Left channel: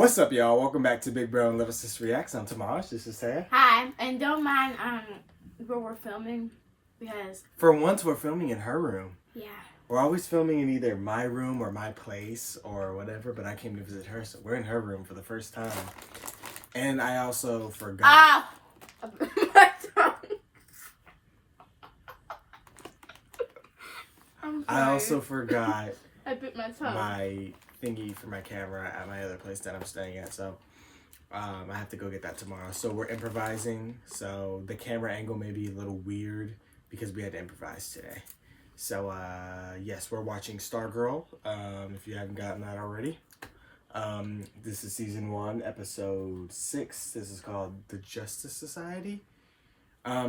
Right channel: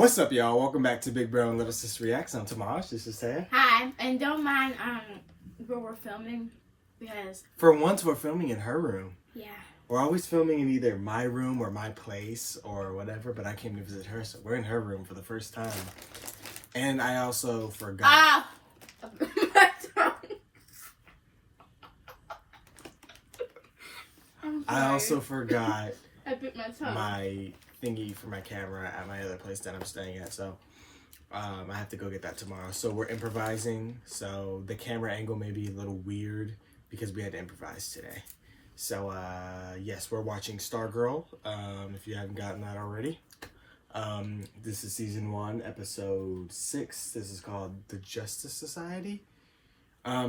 What's up, y'all? Welcome back to Big Bro and Little Sis Reacts. I'm Tamaj. This is Taya. Hi, and don't mind where we're filming because For once, we're filming in her room. yeah. We're always filming in either my room or my place or whatever, but I came to visit her, so we're in her room for the first time. And I also forgot. Ah, my tongue. I'm I sorry. also forgot I bit my tongue. my thingy for my camera at my other place that I'm staying at, so I have to go get that tomorrow. So we're improvising, so the camera angle may be a little weird because we had to improvise today. So yes, we're watching Stargirl, if you haven't gotten that already. This is season 1, episode 6. This is called The Justice Society.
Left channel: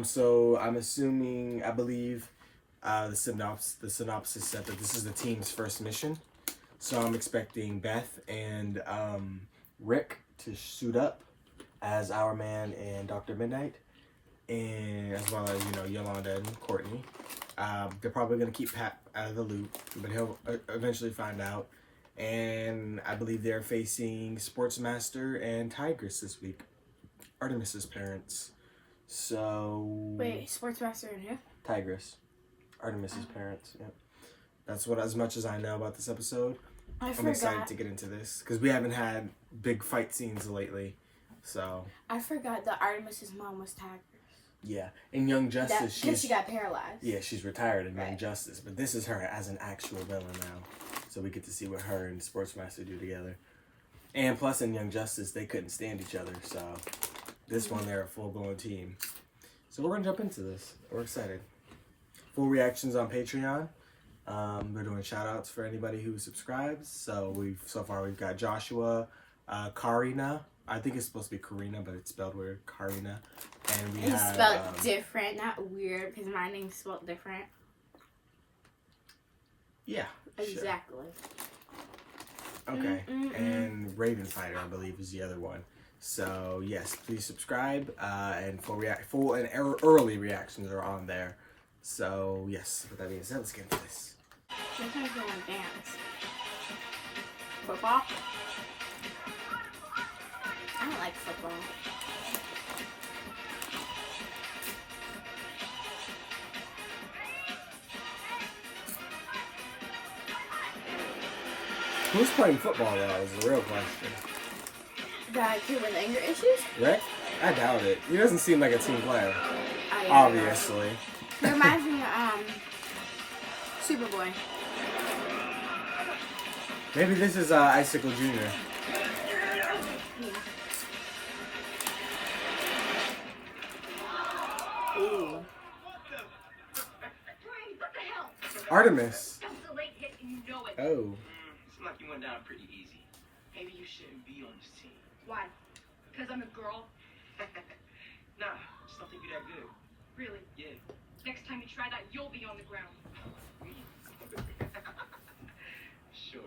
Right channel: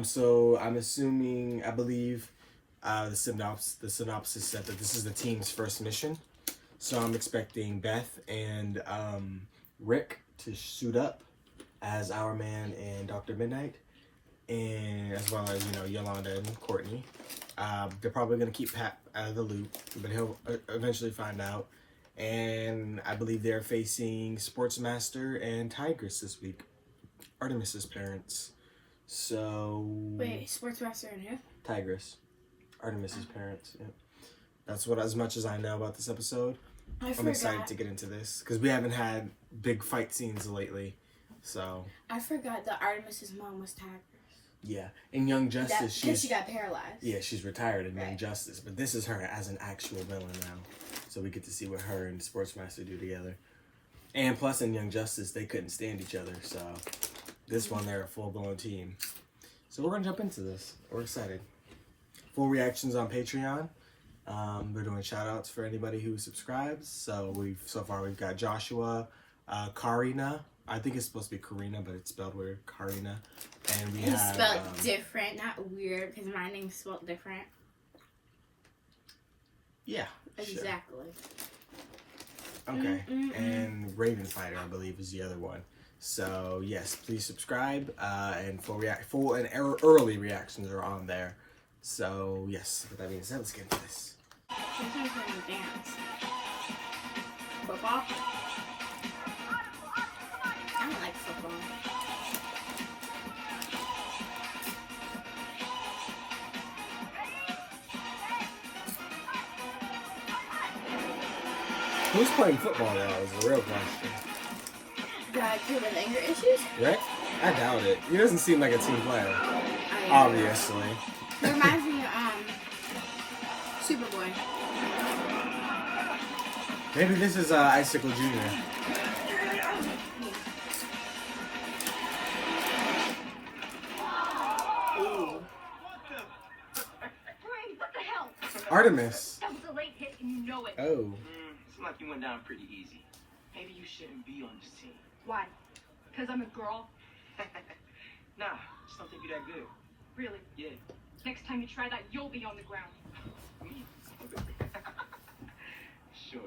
So I'm assuming, I believe the synopsis said that this is the team's first mission. So I'm expecting Beth and Rick to suit up as Our Man and Dr. Mid-Nite, and as well as, you know, Yolanda and Courtney. They're probably going to keep Pat out of the loop, but he'll eventually find out. And I believe they're facing Sportsmaster and Tigress this week, Artemis's parents. So Wait, Sportsmaster in here? Tigress, Artemis's parents. Yep. That's what, as much as I know about this episode. I'm excited to get into this because we haven't had big fight scenes lately. So I forgot that Artemis's mom was Tigress. Yeah, in Young Justice, she got paralyzed. Yeah, she's retired in Young Justice, but this is her as an actual villain now. So we get to see what her and Sportsmaster do together. And plus, in Young Justice, they couldn't stand each other. So this one, they're a full-blown team. So we're gonna jump into this. We're excited. Full reactions on Patreon. We're doing shout-outs for anybody who subscribes. So far we've got Joshua, Karina. I think it's supposed to be Karina, but it's spelled weird. Karina. And we have spelled different, not weird, because my name's spelled different. Yeah. Exactly. Sure. Okay. And Raven Fighter, I believe, is the other one. So yes, please subscribe. And full and early reactions are on there. So yes, with that being said, let's get into this. Sometimes I want to dance. Football? I don't like football. Who's playing football though is the real question. The kid with anger issues? Rick? I doubt it. He doesn't seem like a team player. Obviously. He reminds me of Superboy. Maybe this is Icicle Jr. Ooh. Artemis. Oh. It's like you went down pretty easy. Maybe you shouldn't be on this team. Why? Because I'm a girl? Nah, just don't think you're that good. Really? Yeah. Next time you try that, you'll be on the ground. Sure.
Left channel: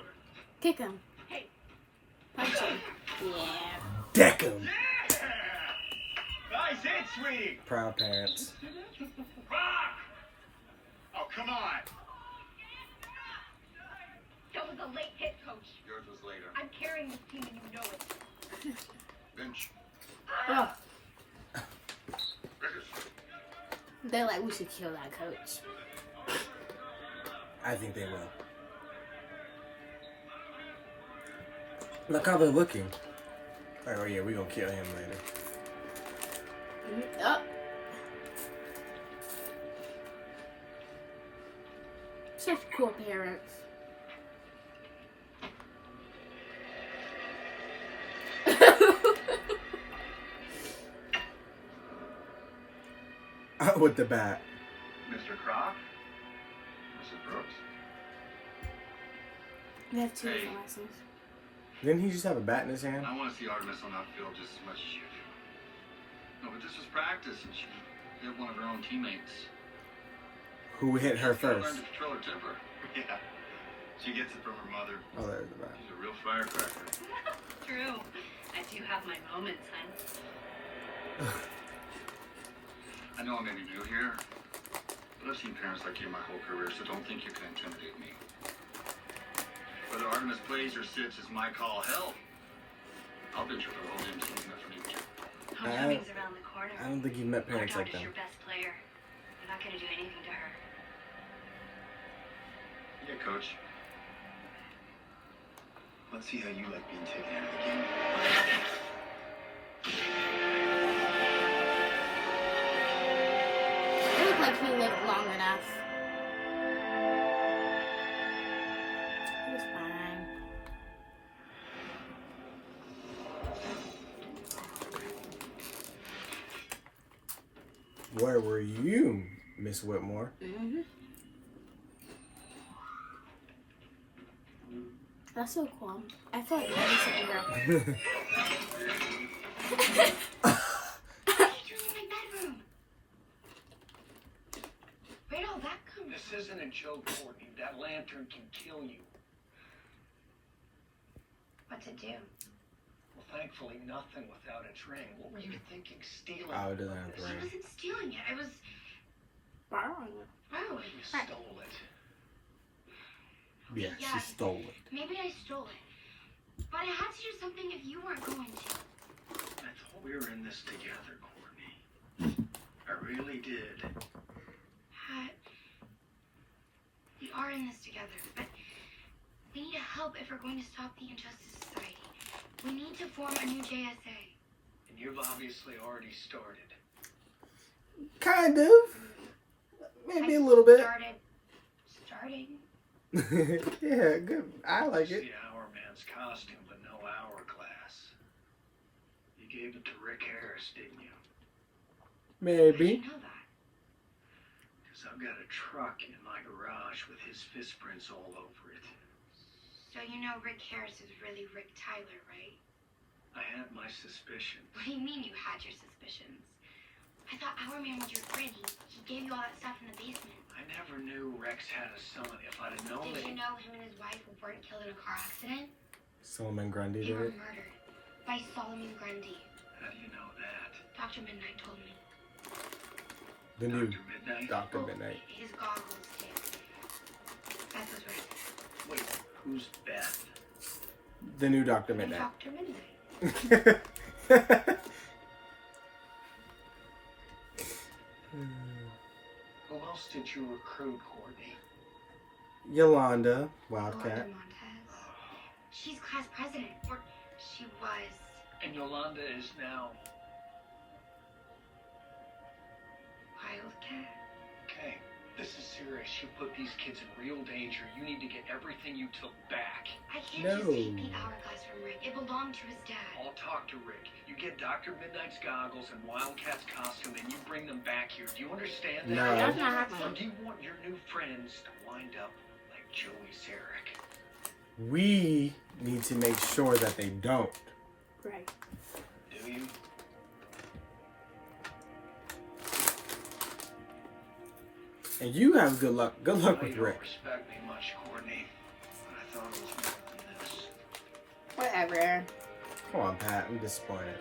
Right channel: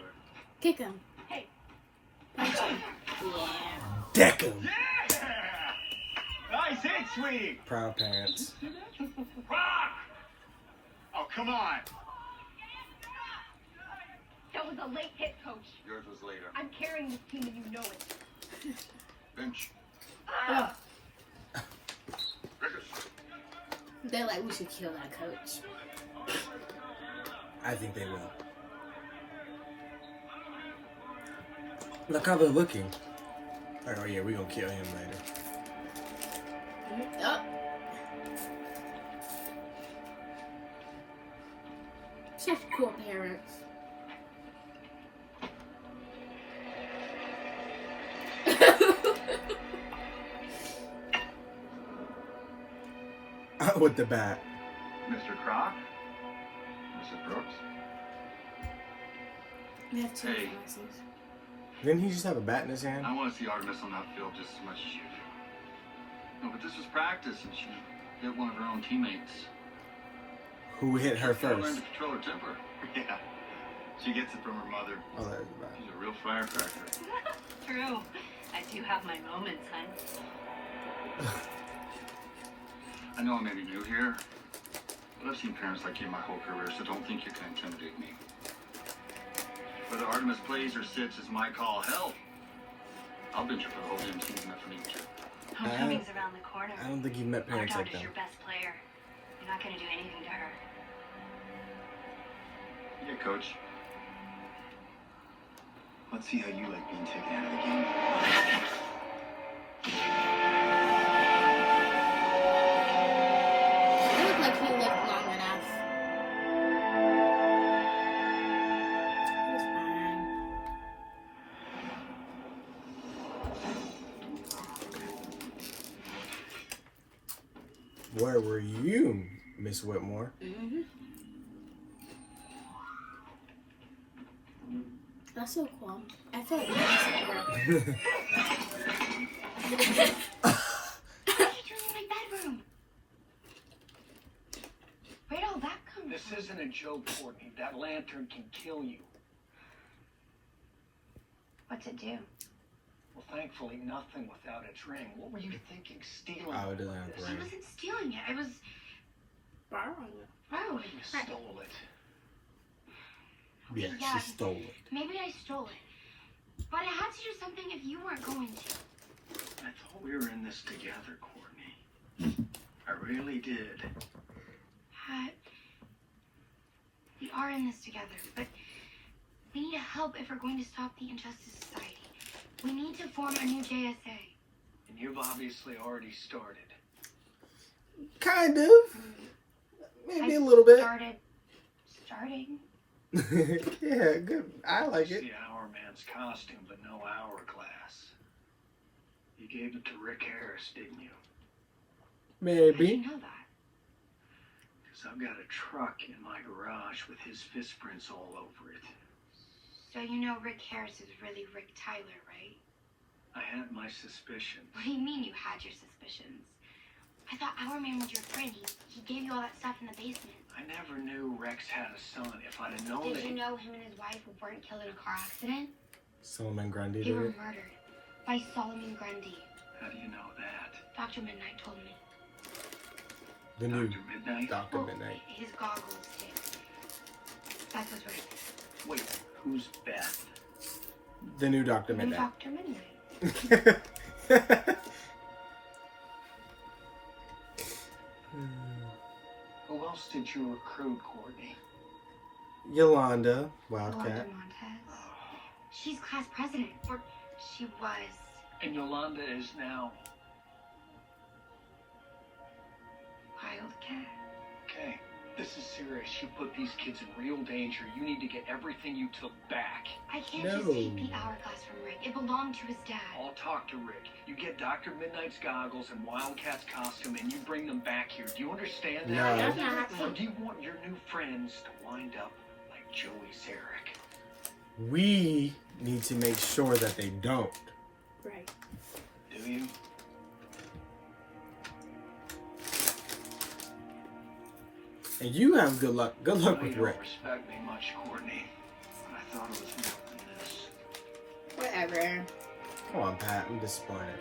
Kick him. Hey. Punch him. Yeah. Deck him. Yeah! Nice hit, sweetie! Proud parents. Rock! Oh, come on! That was a late hit, coach. Yours was later. I'm carrying this team and you know it. Bench. Oh. They're like, we should kill that coach. I think they will. Look how they're looking. Like, oh yeah, we're gonna kill him later. Oh. Such cool parents. With the bat. Mr. Croc? Mrs. Brooks? They have two licenses. Didn't he just have a bat in his hand? I want to see Artemis on that field just as much as you do. No, but this was practice and she hit one of her own teammates. Who hit her She learned first? to control her temper. Yeah. She gets it from her mother. Oh, there's the bat. She's a real firecracker. True. I do have my moments, hun. I know I may be new here, but I've seen parents like you my whole career, so don't think you can intimidate me. Whether Artemis plays or sits is my call. Hell, I've been through the whole damn season for me. Homecoming's around the corner. I don't think you've met Our parents like daughter's them. your best player. You're not gonna do anything to her. Yeah, coach. Let's see how you like being taken out of the game. It looked like he lived long enough. It was fine. Where were you, Miss Whitmore? Mm-hmm. That's so cool. I feel like I'm sitting here. You're in my bedroom. Where'd all that come This from? isn't a joke, Courtney. That lantern can kill you. What's it do? Well, thankfully, nothing without its ring. What were you thinking, stealing? Oh, it doesn't have the I ring. wasn't stealing it. I was Borrowing it. borrowing You it. stole it. Yeah, she stole it. Maybe I stole it. But I had to do something if you weren't going to. I thought we were in this together, Courtney. I really did. Pat, we are in this together, but we need help if we're going to stop the Injustice Society. We need to form a new JSA. And you've obviously already started. Kind of. Maybe a little bit. Starting. Yeah, good. I like it. See Hour Man's costume, but no hourglass. You gave it to Rick Harris, didn't you? How did Maybe. you know that? Because I've got a truck in my garage with his fist prints all over it. So you know Rick Harris is really Rick Tyler, right? I had my suspicions. What do you mean you had your suspicions? I thought Our Man was your friend. He gave you all that stuff in the basement. I never knew Rex had a son. If I'd have known Did it, you know him and his wife weren't killed in a car accident? Solomon Grundy They did were it. murdered by Solomon Grundy. how do you know that? Dr. Mid-Nite told me. The new Dr. Mid-Nite? Dr. Well, Mid-Nite. His goggles did. Beth was right. Wait, who's Beth? The new Dr. And Midnight. Dr. Mid-Nite. Who else did you recruit, Courtney? Yolanda, Wanda Wildcat. Montez. She's class president. Or she was. And Yolanda is now. Wildcat. Okay, this is serious. You put these kids in real danger. You need to get everything you took back. I can't No. just take the hourglass from Rick. It belonged to his dad. I'll talk to Rick. You get Dr. Midnight's goggles and Wildcat's costume and you bring them back here. Do you understand No. that? That's not happening. Or do you want your new friends to wind up like Joey Zarek? We need to make sure that they don't. Right. Do you? And you have good luck. Good luck You with don't Rick. respect me much, Courtney. But I thought it was more than this. Whatever, Aaron. Come on, Pat. I'm disappointed.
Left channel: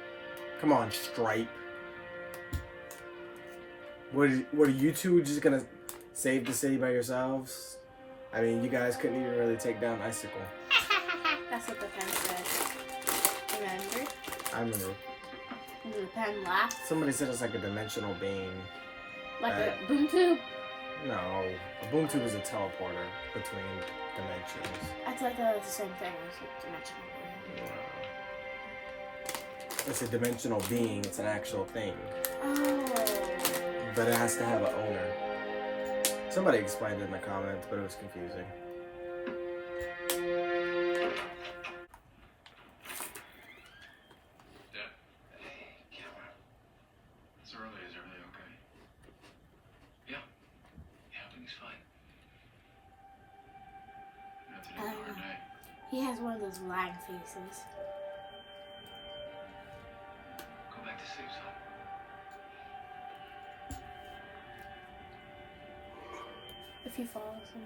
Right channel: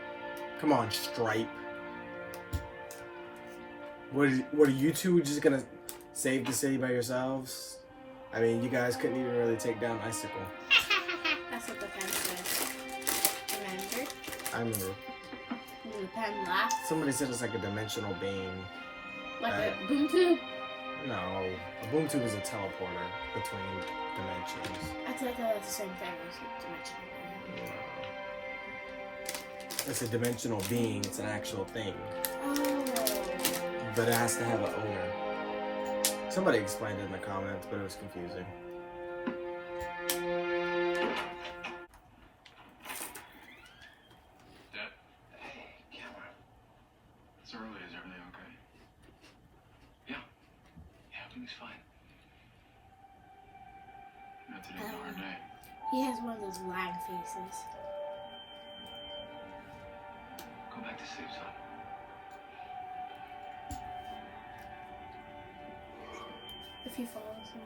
Come on, Stripe. What are you two just gonna save the city by yourselves? I mean, you guys couldn't even really take down Icicle. That's what the pen said. Remember? I remember. And the pen laughed. Somebody said it's like a dimensional being. Like Right. a boom tube. No, a boom tube is a teleporter between dimensions. I thought that was the same thing as a dimensional being. No. It's a dimensional being. It's an actual thing. Oh. But it has to have an owner. Somebody explained it in the comments, but it was confusing. Dad. Hey, camera. It's early. Is everything okay? Yeah, everything's fine. Yeah, today's a hard day. He has one of those lying faces. Go back to sleep, son. If he follows him.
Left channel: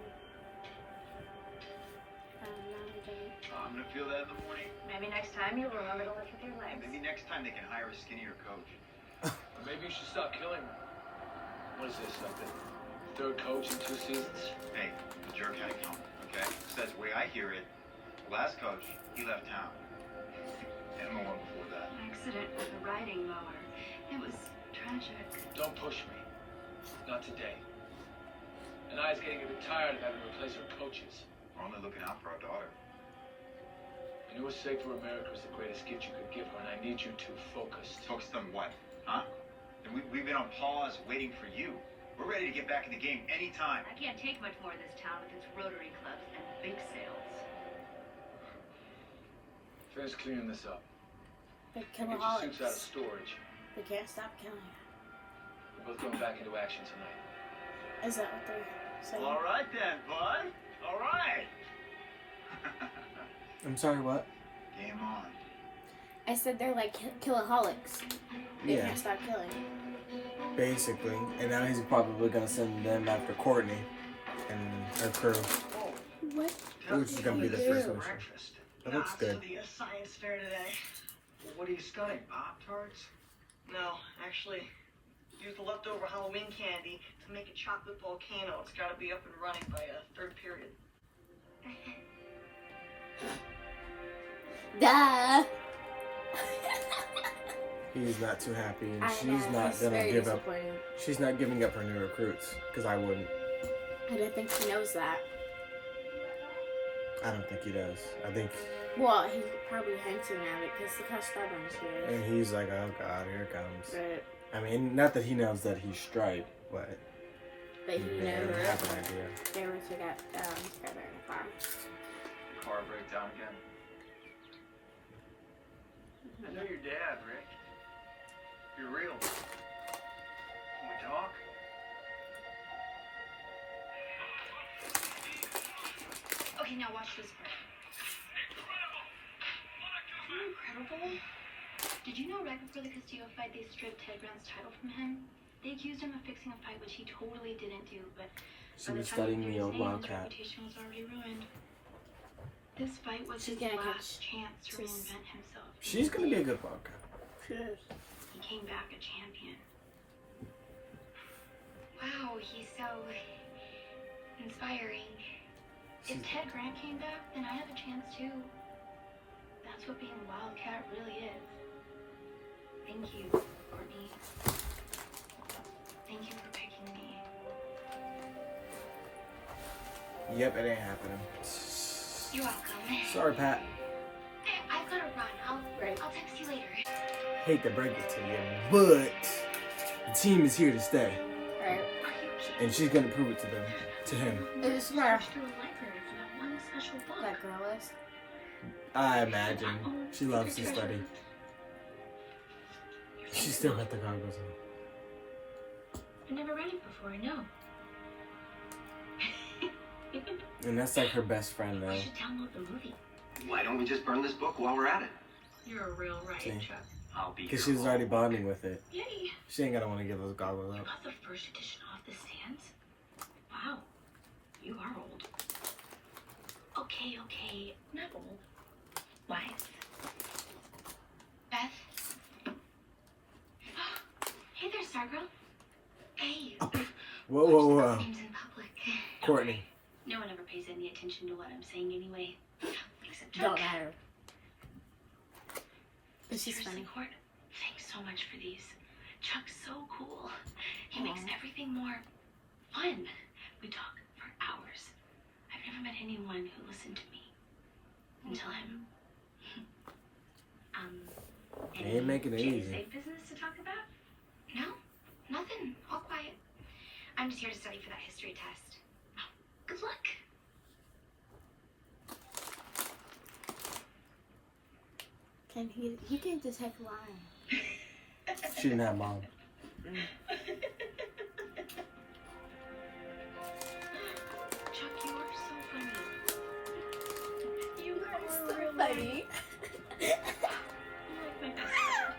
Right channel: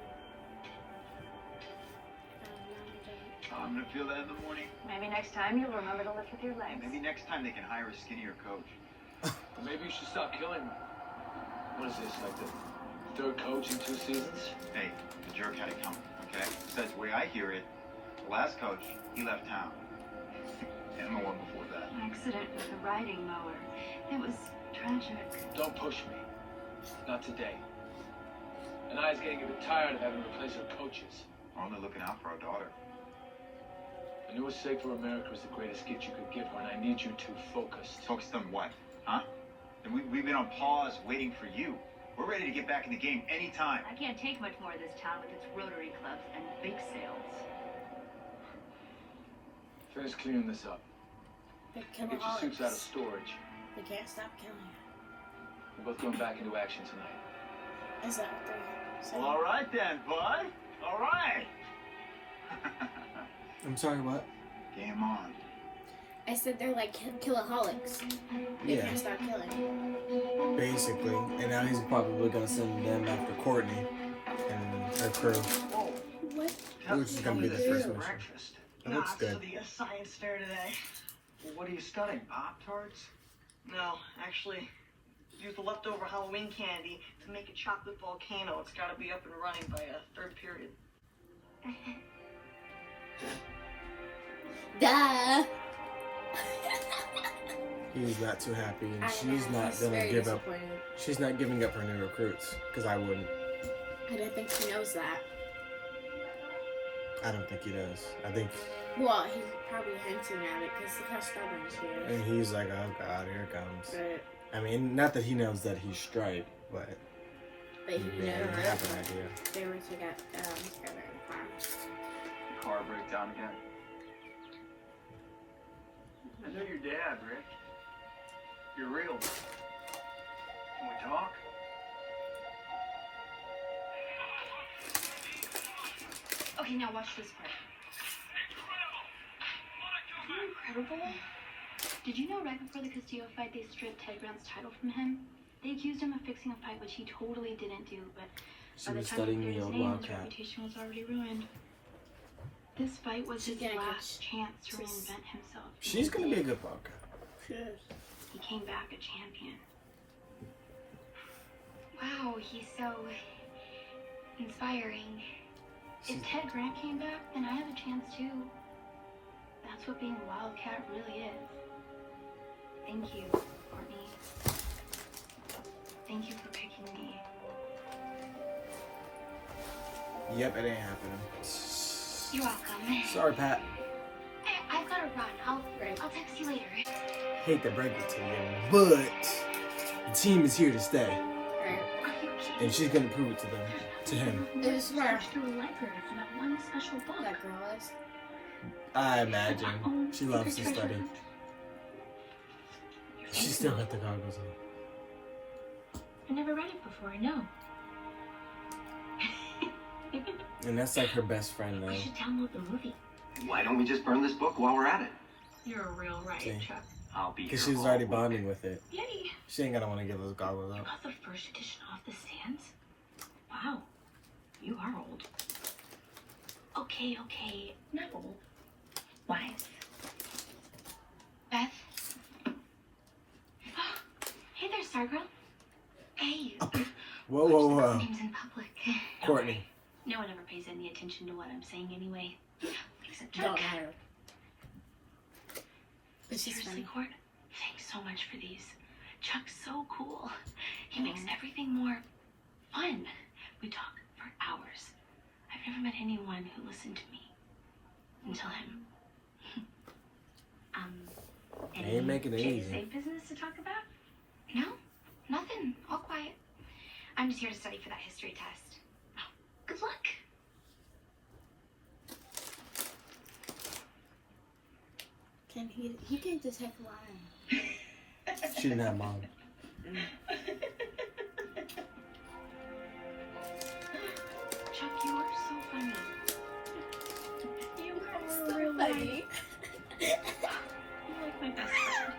I don't know, he didn't. Oh, I'm gonna feel that in the morning. Maybe next time you'll remember to lift with your legs. Maybe next time they can hire a skinnier coach. Maybe you should stop killing me. What is this, like the third coach in 2 seasons? Hey, the jerk had it coming, okay? Besides, the way I hear it, the last coach, he left town. Emma won before accident with a riding mower. It was tragic. Don't push me. Not today. And I was getting a bit tired of having to replace our coaches. We're only looking out for our daughter. I knew a safer America was the greatest gift you could give her, and I need you to focus. Focused on what? Huh? And we've been on pause waiting for you. We're ready to get back in the game anytime. I can't take much more of this town with its Rotary clubs and big sales. Finish cleaning this up. The Get your suits out of Killaholics. storage. They can't stop killing her. We're both going back into action tonight. Is that what they're saying? Well, all right then, bud. All right. I'm sorry, what? Game on. I said they're like killaholics. They Yeah, can't stop killing. basically. And now he's probably gonna send them after Courtney and her crew. What? Which is gonna be the first mission. Breakfast. That looks good. The science fair today. Well, what are you studying? Pop-Tarts? No, actually, use the leftover Halloween candy to make a chocolate volcano. It's got to be up and running by a third period. Duh. He's not too happy, and I she's know, not he's gonna very give up. disappointed. She's not giving up her new recruits, because I wouldn't. I don't think he knows that. I don't think he does. I think, Well, he's probably hinting at it because look how Stargirl's here. and he's like, oh god, here it comes. But I mean, not that he knows that he's striped, but he he knew may it. have an idea. They went to that caravan farm. Car breakdown again. I know your dad, Rick. You're real. Can we talk? Okay, now watch this part. Incredible. Did you know right before the Castillo fight, they stripped Ted Grant's title from him? They accused him of fixing a fight, which he totally didn't do, but She by the was time studying he the knew his old name, his Wildcat. reputation was already ruined. This fight was She's his gonna last catch chance to this. reinvent himself. She's gonna be a good Wildcat. He came back a champion. Wow, he's so inspiring. She's, If Ted Grant came back, then I have a chance too. That's what being a Wildcat really is. Thank you, Courtney. Thank you for picking me. yep, it ain't happening. You're welcome. Sorry, Pat. I've got to run. Right. I'll text you later. Hate to break it to you, but the team is here to stay, Right. and she's gonna prove it to them, to him. This is where Search through a library for that one special book. that girl is. I imagine she loves to study. She still got the goggles on. I never read it before, I know. And that's like her best friend We though. should download the movie. Why don't we just burn this book while we're at it? You're a real writer, See? Chuck. I'll be. Because here she was all already week. bonding with it. Yay! She ain't gonna want to give those goggles You up. got the first edition off the stands? Wow, you are old. Okay, not old. Wise. Beth? Hey there, Stargirl. Hey. Whoa, whoa, whoa. Names in public. Courtney. No one ever pays any attention to what I'm saying anyway. Except Chuck. Don't matter. But she's Seriously, funny. Court, thanks so much for these. Chuck's so cool. He makes everything more fun. We talk for hours. I've never met anyone who listened to me until him. They ain't making it easy. Big business to talk about? No, nothing. All quiet. I'm just here to study for that history test. Good luck. Can he can detect lying. She didn't have mom. Chuck, you are so funny. You are so funny. You're like my best friend.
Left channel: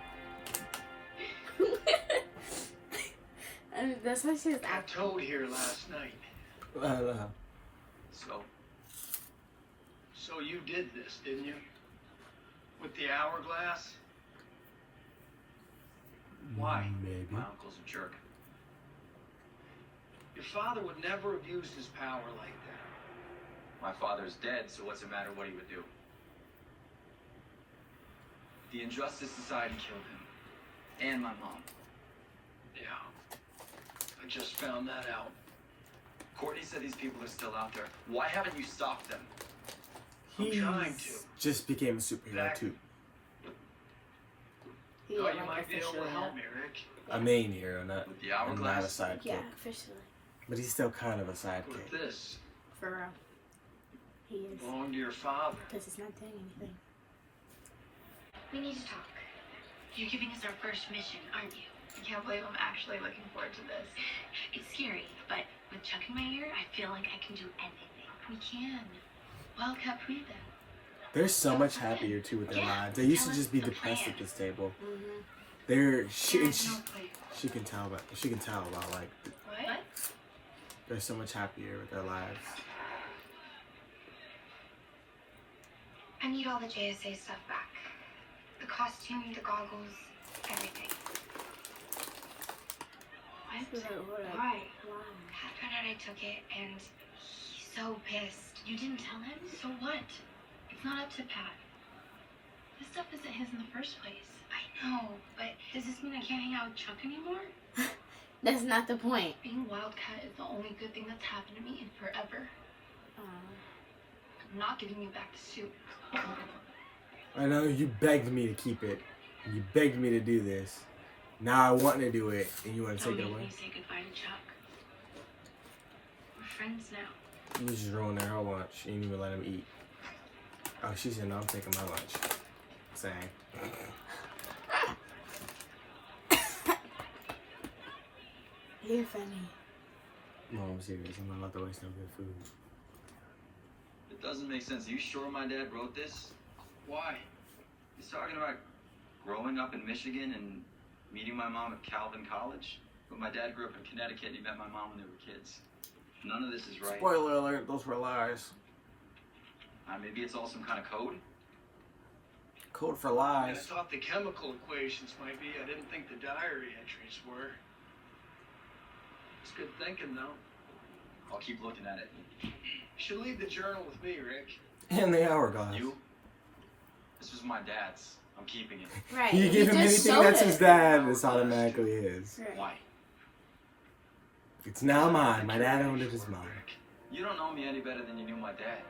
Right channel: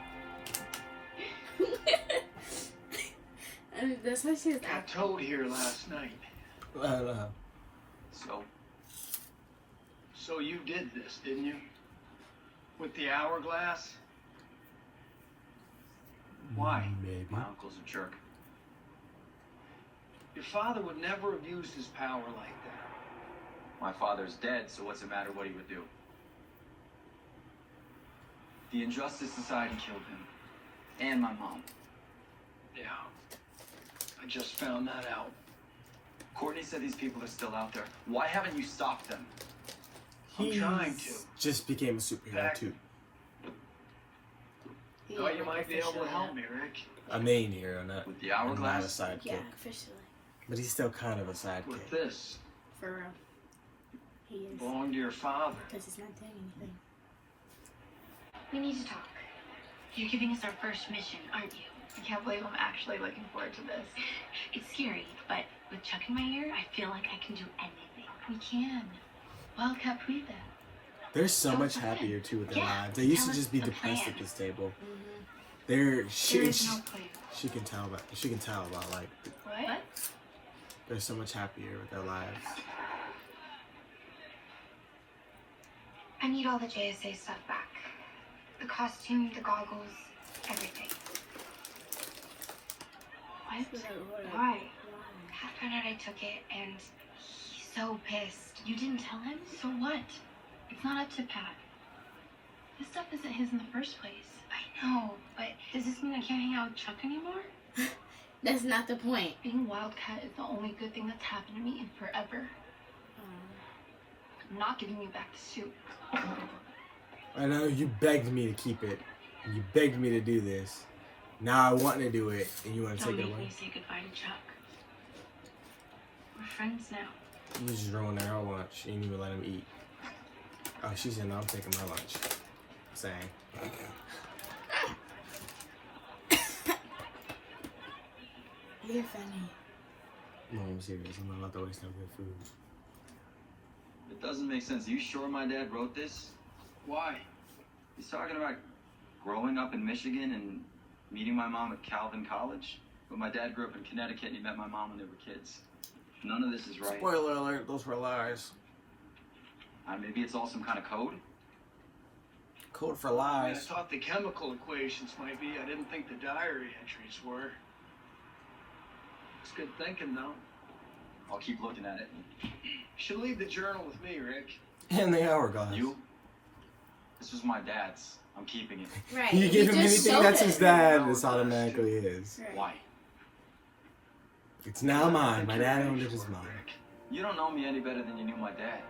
I mean, that's why she's Got acting. Toad here last night. So you did this, didn't you? With the hourglass? Why? Maybe. My uncle's a jerk. Your father would never have used his power like that. My father's dead, so what's the matter what he would do? The Injustice Society killed him. And my mom. Yeah. I just found that out. Courtney said these people are still out there. Why haven't you stopped them? I'm trying to. He's just became a superhero too. He Oh, ain't you like might be able to officially help yet. me, Rick. A main hero, not With the not a hourglass? sidekick. Yeah, officially. But he's still kind of a With sidekick. this. For real. He is. Belong to your father. Because he's not doing anything. We need to talk. You're giving us our first mission, aren't you? I can't believe I'm actually looking forward to this. It's scary, but with Chuck in my ear, I feel like I can do anything. We can. Wildcat proved that. They're so much happier too with their Yeah, lives. They used to tell just us be the depressed plan. at this table. Mm-hmm. They're There she is no place. can tell about like What? they're so much happier with their lives. I need all the JSA stuff back. The costume, the goggles, everything. What? Why? Why? Pat found out I took it, and he's so pissed. You didn't tell him? So what? It's not up to Pat. This stuff isn't his in the first place. I know, but Does this mean I can't hang out with Chuck anymore? That's not the point. Being Wildcat is the only good thing that's happened to me in forever. I'm not giving you back the suit. I know you begged me to keep it. You begged me to do this. Now I want to do it, and you want to Don't take it make away. me say goodbye to Chuck. We're friends now. You just ruined their whole lunch. You didn't even let him eat. Oh, she said, no, I'm taking my lunch. Same. You're funny. Mom, I'm serious. I'm not about to waste no good food. It doesn't make sense. Are you sure my dad wrote this? Why? He's talking about growing up in Michigan and meeting my mom at Calvin College. But my dad grew up in Connecticut and he met my mom when they were kids. None of this is right. Spoiler alert, those were lies. Maybe it's all some kind of code? Code for I lies. thought the chemical equations might be. I didn't think the diary entries were. It's good thinking, though. I'll keep looking at it. You should leave the journal with me, Rick. And the hourglass. You? This was my dad's. I'm keeping it. Right. You give He him just anything showed that's his it. dad, it's automatically his. Right. Why? It's now mine. My dad owned it as mine. You don't know me any better than you knew my dad.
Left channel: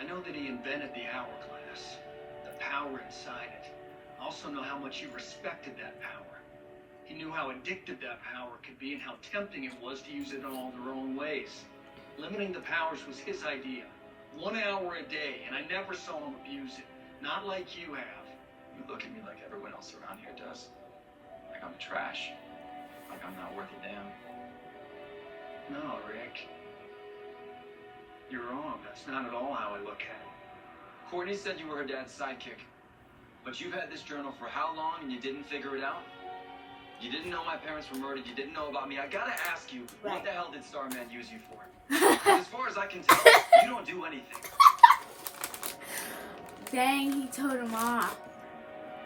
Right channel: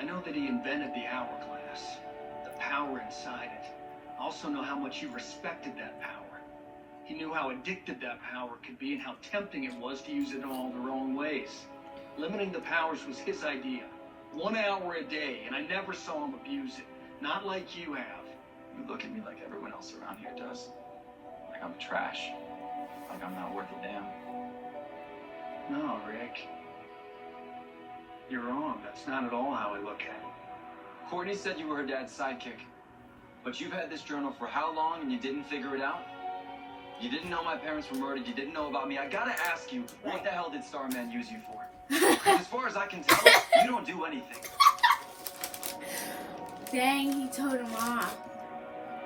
I know that he invented the hourglass, the power inside it. I also know how much he respected that power. He knew how addictive that power could be and how tempting it was to use it in all the wrong ways. Limiting the powers was his idea. 1 hour a day, and I never saw him abuse it. Not like you have. You look at me like everyone else around here does. Like I'm trash. Like I'm not worth a damn. No, Rick. You're wrong. That's not at all how I look at it. Courtney said you were her dad's sidekick. But you've had this journal for how long and you didn't figure it out? You didn't know my parents were murdered. You didn't know about me. I gotta ask you, what Right. the hell did Starman use you for? As far as I can tell, you don't do anything. Dang, he told him off.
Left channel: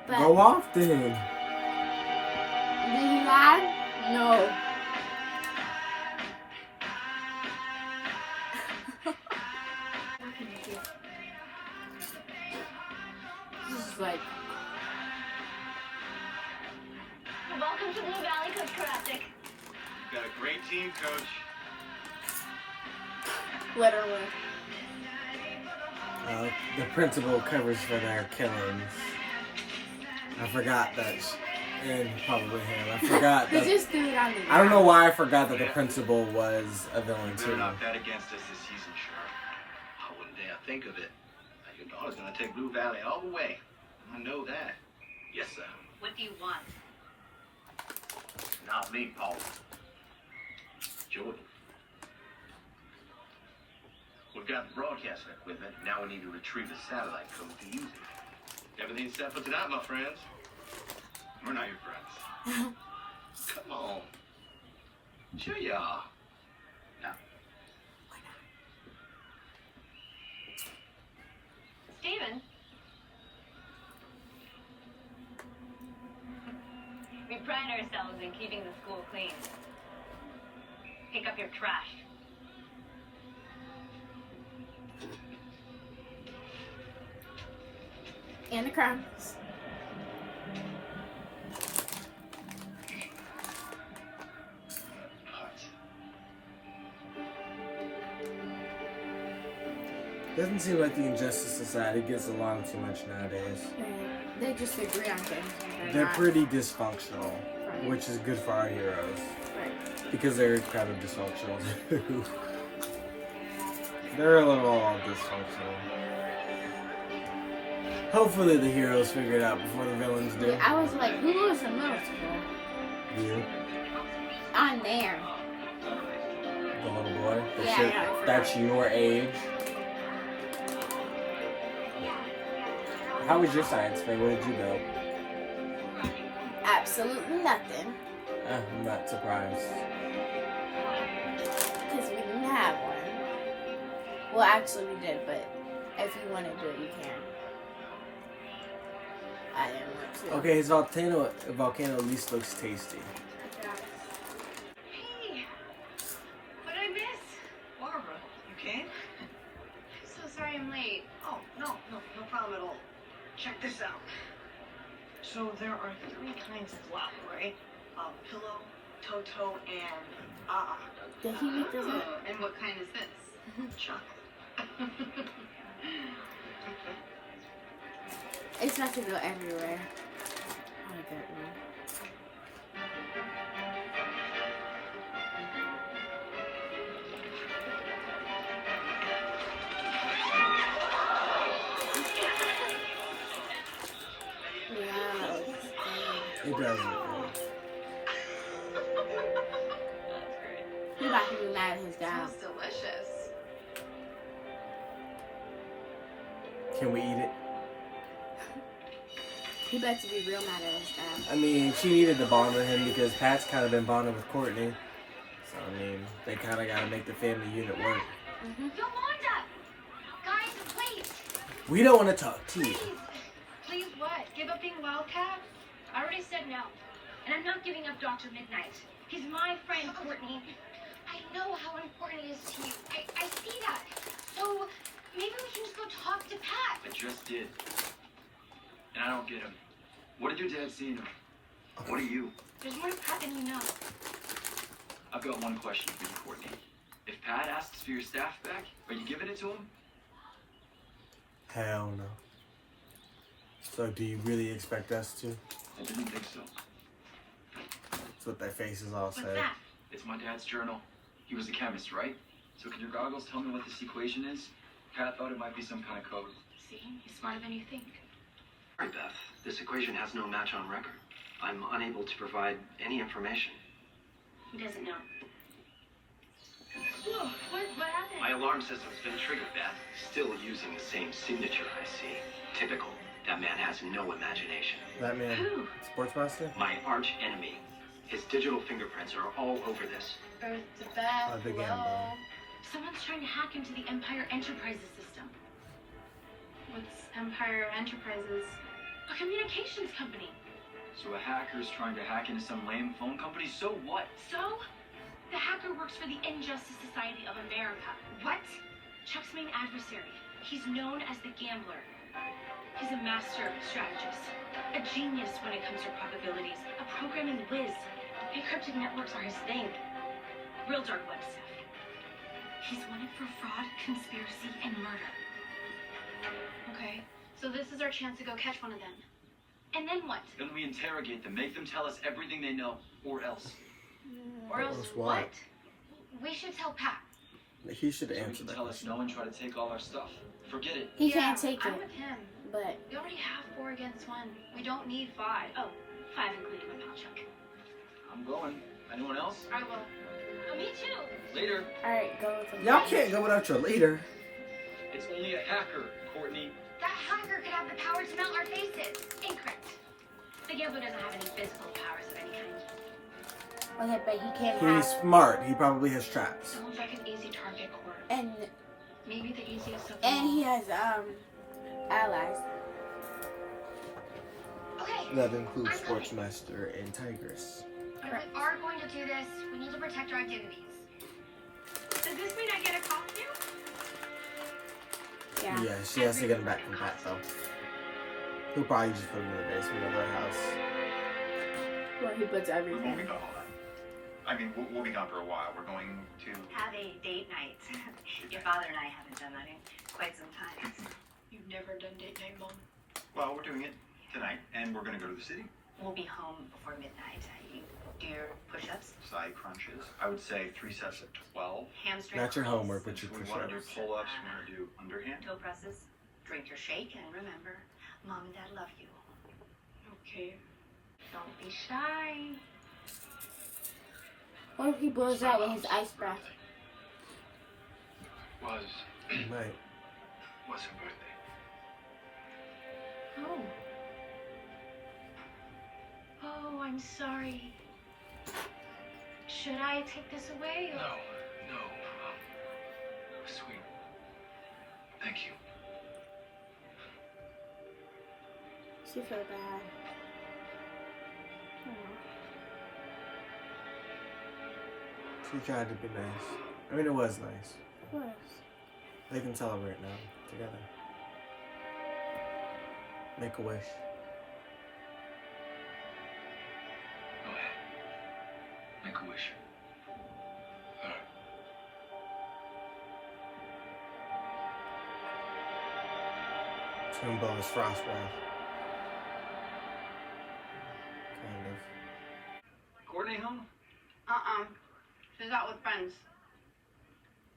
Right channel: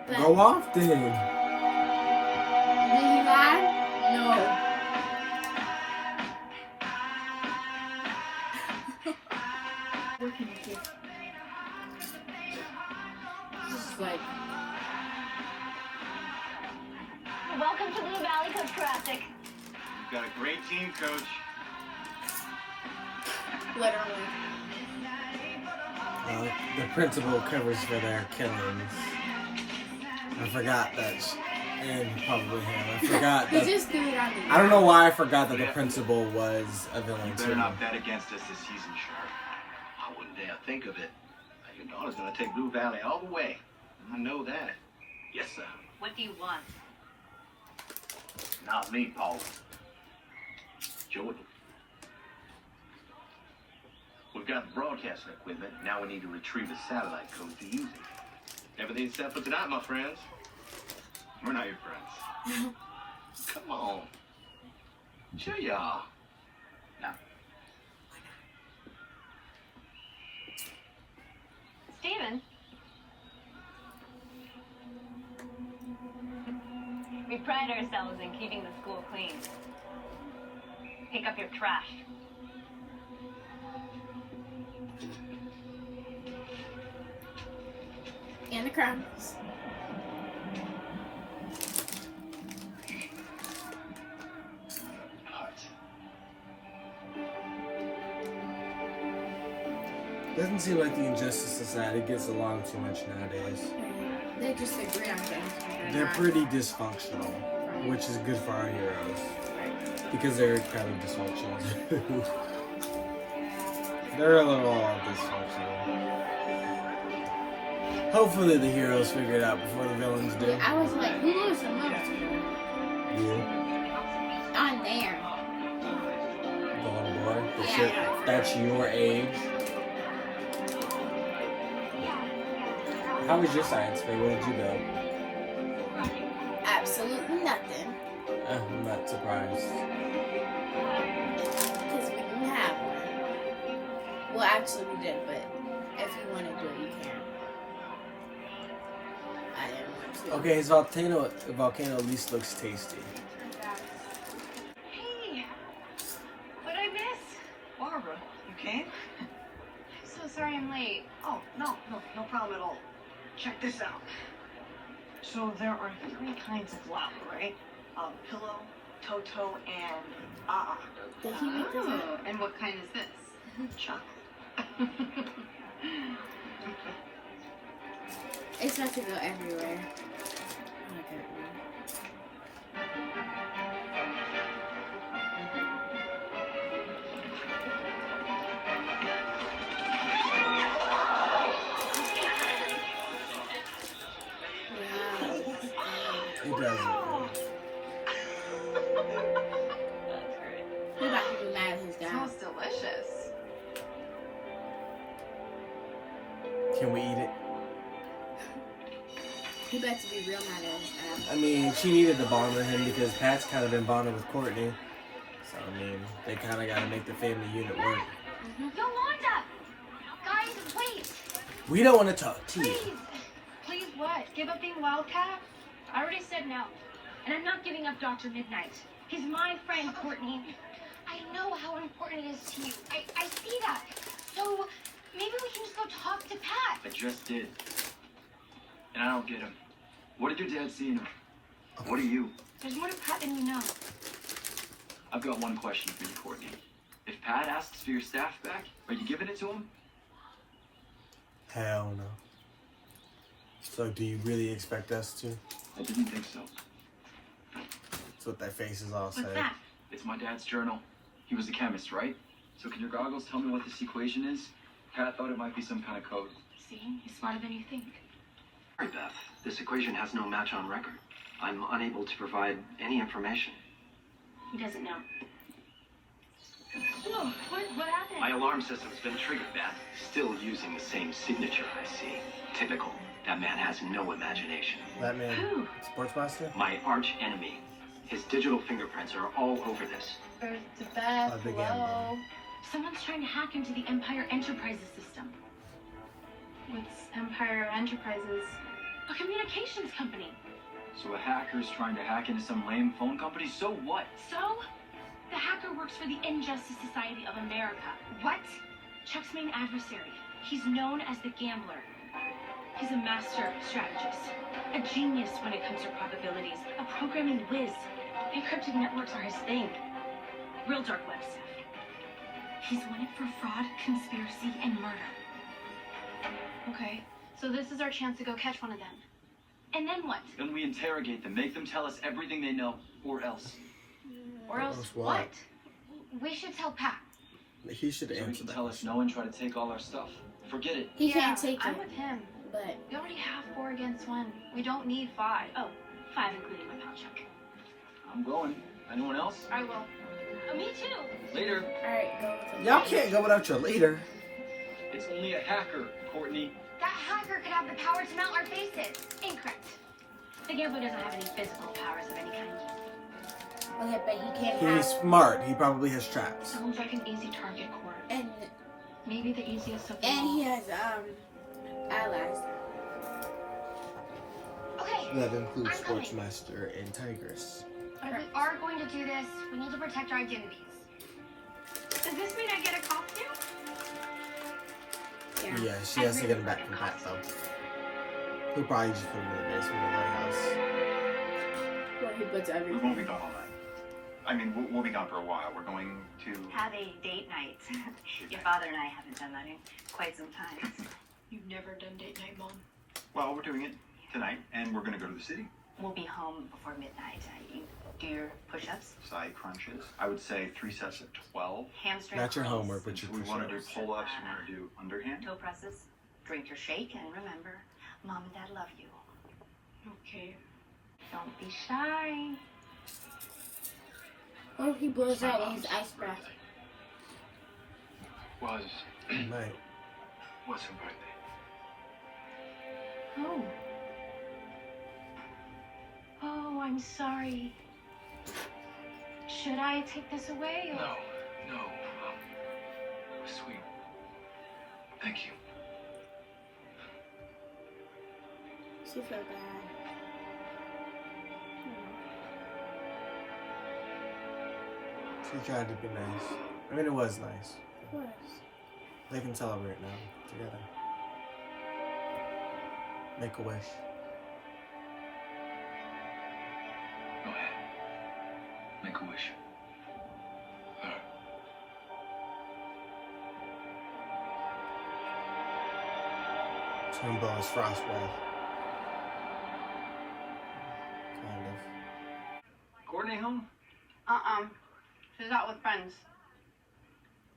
But Go off then. did he lie? No. Working with you. This is like, Welcome to Blue Valley, Coach Karasik. You've got a great team, Coach. literally. The principal covers for their killings. I forgot that. And probably him. I forgot He that. just threw it on the I don't know why I forgot that the principal was a villain You better too. not bet against us this season, Sharp. I wouldn't dare think of it. Your daughter's gonna take Blue Valley all the way. I know that. Yes, sir. What do you want? Not me, Paul. Joey. We've got the broadcasting equipment. Now we need to retrieve the satellite code to use it. Everything's set for tonight, my friends. We're not your friends. Come on. Sure you are. Now, Steven. We pride ourselves in keeping the school clean. Pick up your trash. And the crumbs. Doesn't seem like the Injustice Society gets along too much nowadays. They just agree on things. and They're not. pretty dysfunctional, Right. which is good for our heroes. Right. Because they're kind of dysfunctional too. They're a little dysfunctional. Hopefully the heroes figure it out before the villains do. I was like, who was from middle school? You, I'm there. the little boy. Yeah. That's your age. How was your science fair? What did you build? Absolutely nothing. I'm not surprised. Because we didn't have one. Well, actually we did, but if you want to do it, you can. I didn't want to. Okay, his volcano at least looks tasty. Hey, what did I miss? Barbara, you came? I'm so sorry I'm late. Oh, no problem at all. Check this out. So there are 3 kinds of flour, right? Pillow, Toto, and Did he make this up? Oh, and what kind is this? chocolate. It's about to go everywhere. I don't know. Wow. It doesn't. He about to be mad at his dad. Smells delicious. Can we eat it? He about to be real mad at his dad. I mean, she needed to bond with him because Pat's kind of been bonded with Courtney. So, I mean, they kind of got to make the family unit work. Yolanda! Guys, wait! We don't want to talk to you. Please what? Give up being Wildcat? I already said no. And I'm not giving up Dr. Mid-Nite. He's my friend, Courtney. I know how important it is to you. I see that. So maybe we can just go talk to Pat. I just did. And I don't get him. What did your dad see in him? What are you? There's more to Pat than you know. I've got one question for you, Courtney. If Pat asks for your staff back, are you giving it to him? Hell no. So, do you really expect us to? I didn't think so. That's what their faces all What's say. that? It's my dad's journal. He was a chemist, right? So can your goggles tell me what this equation is? Pat thought it might be some kind of code. See? He's smarter than you think. Sorry, Beth. This equation has no match on record. I'm unable to provide any information. He doesn't know. Whoa, what happened? My alarm system's been triggered, Beth. Still using the same signature, I see. Typical. That man has no imagination. That man, Who? Sportsmaster? My arch enemy. His digital fingerprints are all over this. Birth to Beth. The gambler. Hello? Someone's trying to hack into the Empire Enterprises system. What's Empire Enterprises? A communications company. So a hacker's trying to hack into some lame phone company? So what? So, the hacker works for the Injustice Society of America. What? Chuck's main adversary. He's known as the Gambler. He's a master strategist, a genius when it comes to probabilities, a programming whiz. Encrypted networks are his thing. Real dark web stuff. He's wanted for fraud, conspiracy, and murder. Okay, so this is our chance to go catch one of them. And then what? Then we interrogate them, make them tell us everything they know, or else. Or else else what? what? We should tell Pat. He should So he answer can that tell us question. no and try to take all our stuff. Forget it. He can't take I'm it, with him. but We already have 4 against 1. We don't need 5. Oh, 5 including my pal Chuck. I'm going. Anyone else? I will. Oh, me too. Later. alright, go with him. Y'all can't go without your leader. It's only a hacker, Courtney. That hacker could have the power to melt our faces. Incorrect. The Gambler doesn't have any physical powers of any kind. Okay, but he can't He's have. smart. He probably has traps. Sounds like an easy target, Court. And Maybe the easiest of them all. he has allies. Okay, That includes Sportsmaster and Tigress. if we are going to do this, we need to protect our identities. Does this mean I get a costume? Yeah, she has to get him back from Pat though. He'll probably just put him in the basement of our house. Well, he puts We've everything. only got all that. I mean, we'll be gone for a while. We're going to... Have a date night. Your father and I haven't done that in quite some time. You've never done date night, Mom? Well, we're doing it tonight, and we're going to go to the city. We'll be home before midnight. You do your push-ups, Side crunches. I would say 3 sets of 12. hamstring Not your curls, homework, but your We want to do push-ups. pull-ups. We want to do underhand. toe presses, drink your shake, and remember, Mom and Dad love you. Okay. Don't be shy. What if he blows out with his ice breath? Was Right. her birthday. Oh. Oh, I'm sorry. Should I take this away? Or... No. Sweet. Thank you. She feel bad. She tried to be nice. I mean, it was nice. Of course. They can celebrate now together. Make a wish. Go ahead. Make a wish. She's gonna blow his frost breath. Kind of. Courtney home? She's out with friends.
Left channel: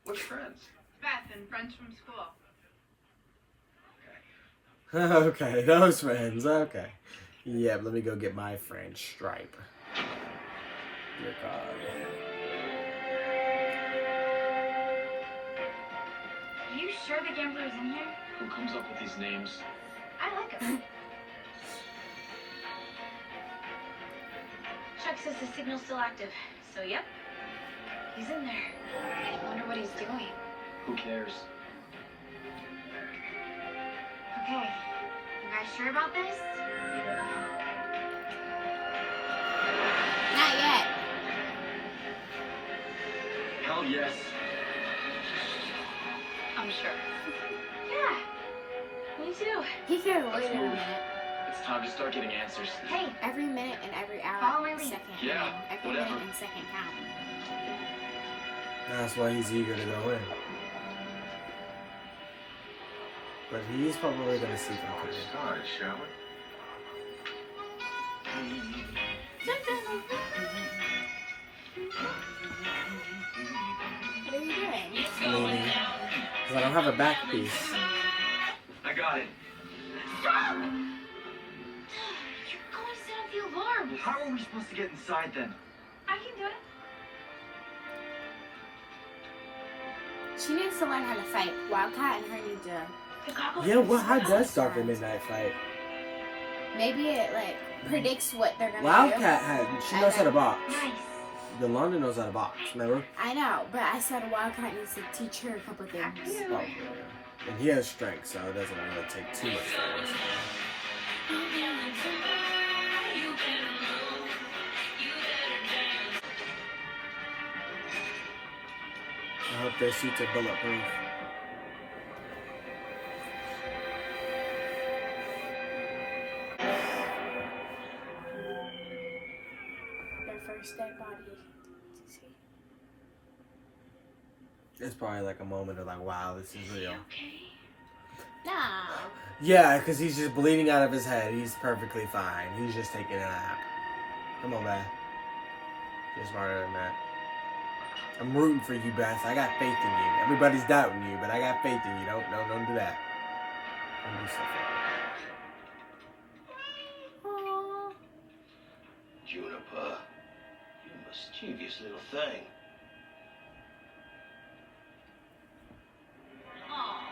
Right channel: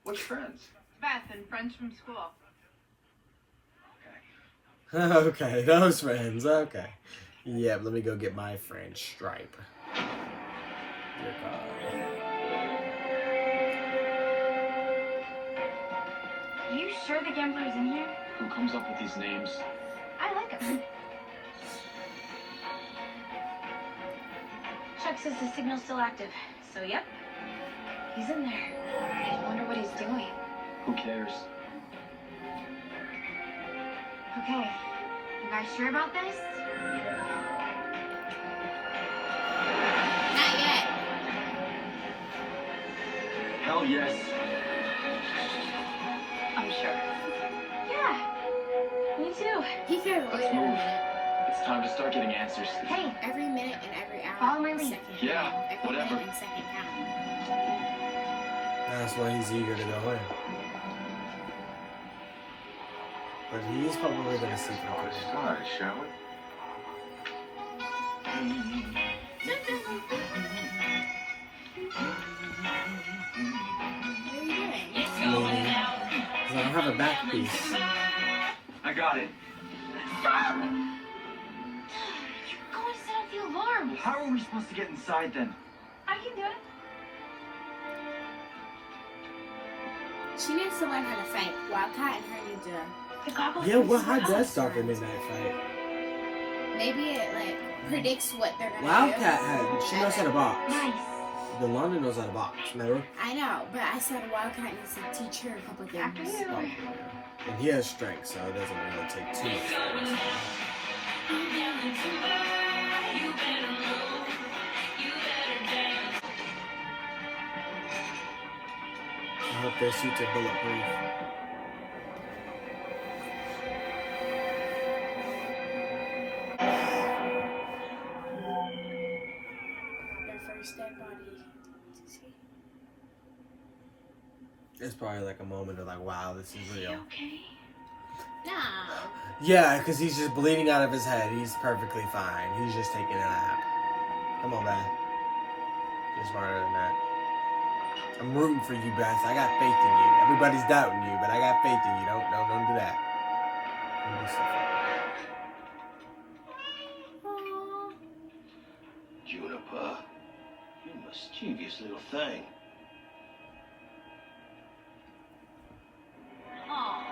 Which friends? Beth and friends from school. Okay, those friends. Okay. Yeah, let me go get my friend Stripe. Dear God. Are you sure the Gambler's in here? Who comes up with these names? I like him. Chuck says the signal's still active, so yep. He's in there. I wonder what he's doing. Who cares? Okay, you guys sure about this? Not yet. Hell yes. I'm sure. Yeah, me too. He could wait a minute. It's time to start getting answers. Hey, Every minute and every Follow hour my and lead. second. Yeah, Every whatever. minute and second count. That's why he's eager to go in. But he's probably gonna see them coming. Start, shall we? What are you doing? Leaning. 'Cause I don't have a back piece. I got it. You're going to set off the alarm. How are we supposed to get inside then? I can do it. She needs to learn how to fight. Wildcat and her need to. The goggles. Yeah, well, how does start the Mid-Nite fight? Maybe it like predicts what they're gonna Wildcat do. she knows how to box. Nice. Yolanda knows how to box, remember? I know, but I said Wildcat needs to teach her a couple things. Oh, yeah. And he has strength, so it doesn't really take too much for I hope their suits are bulletproof. Their first dead body. It's probably like a moment of like, wow, this is real. Okay. Nah. Yeah, because he's just bleeding out of his head. He's perfectly fine. He's just taking a nap. Come on, Beth. You're smarter than that. I'm rooting for you, Beth. I got faith in you. Everybody's doubting you, but I got faith in you. Don't do that. Don't do stuff like Aww. Juniper, you mischievous little thing. Oh,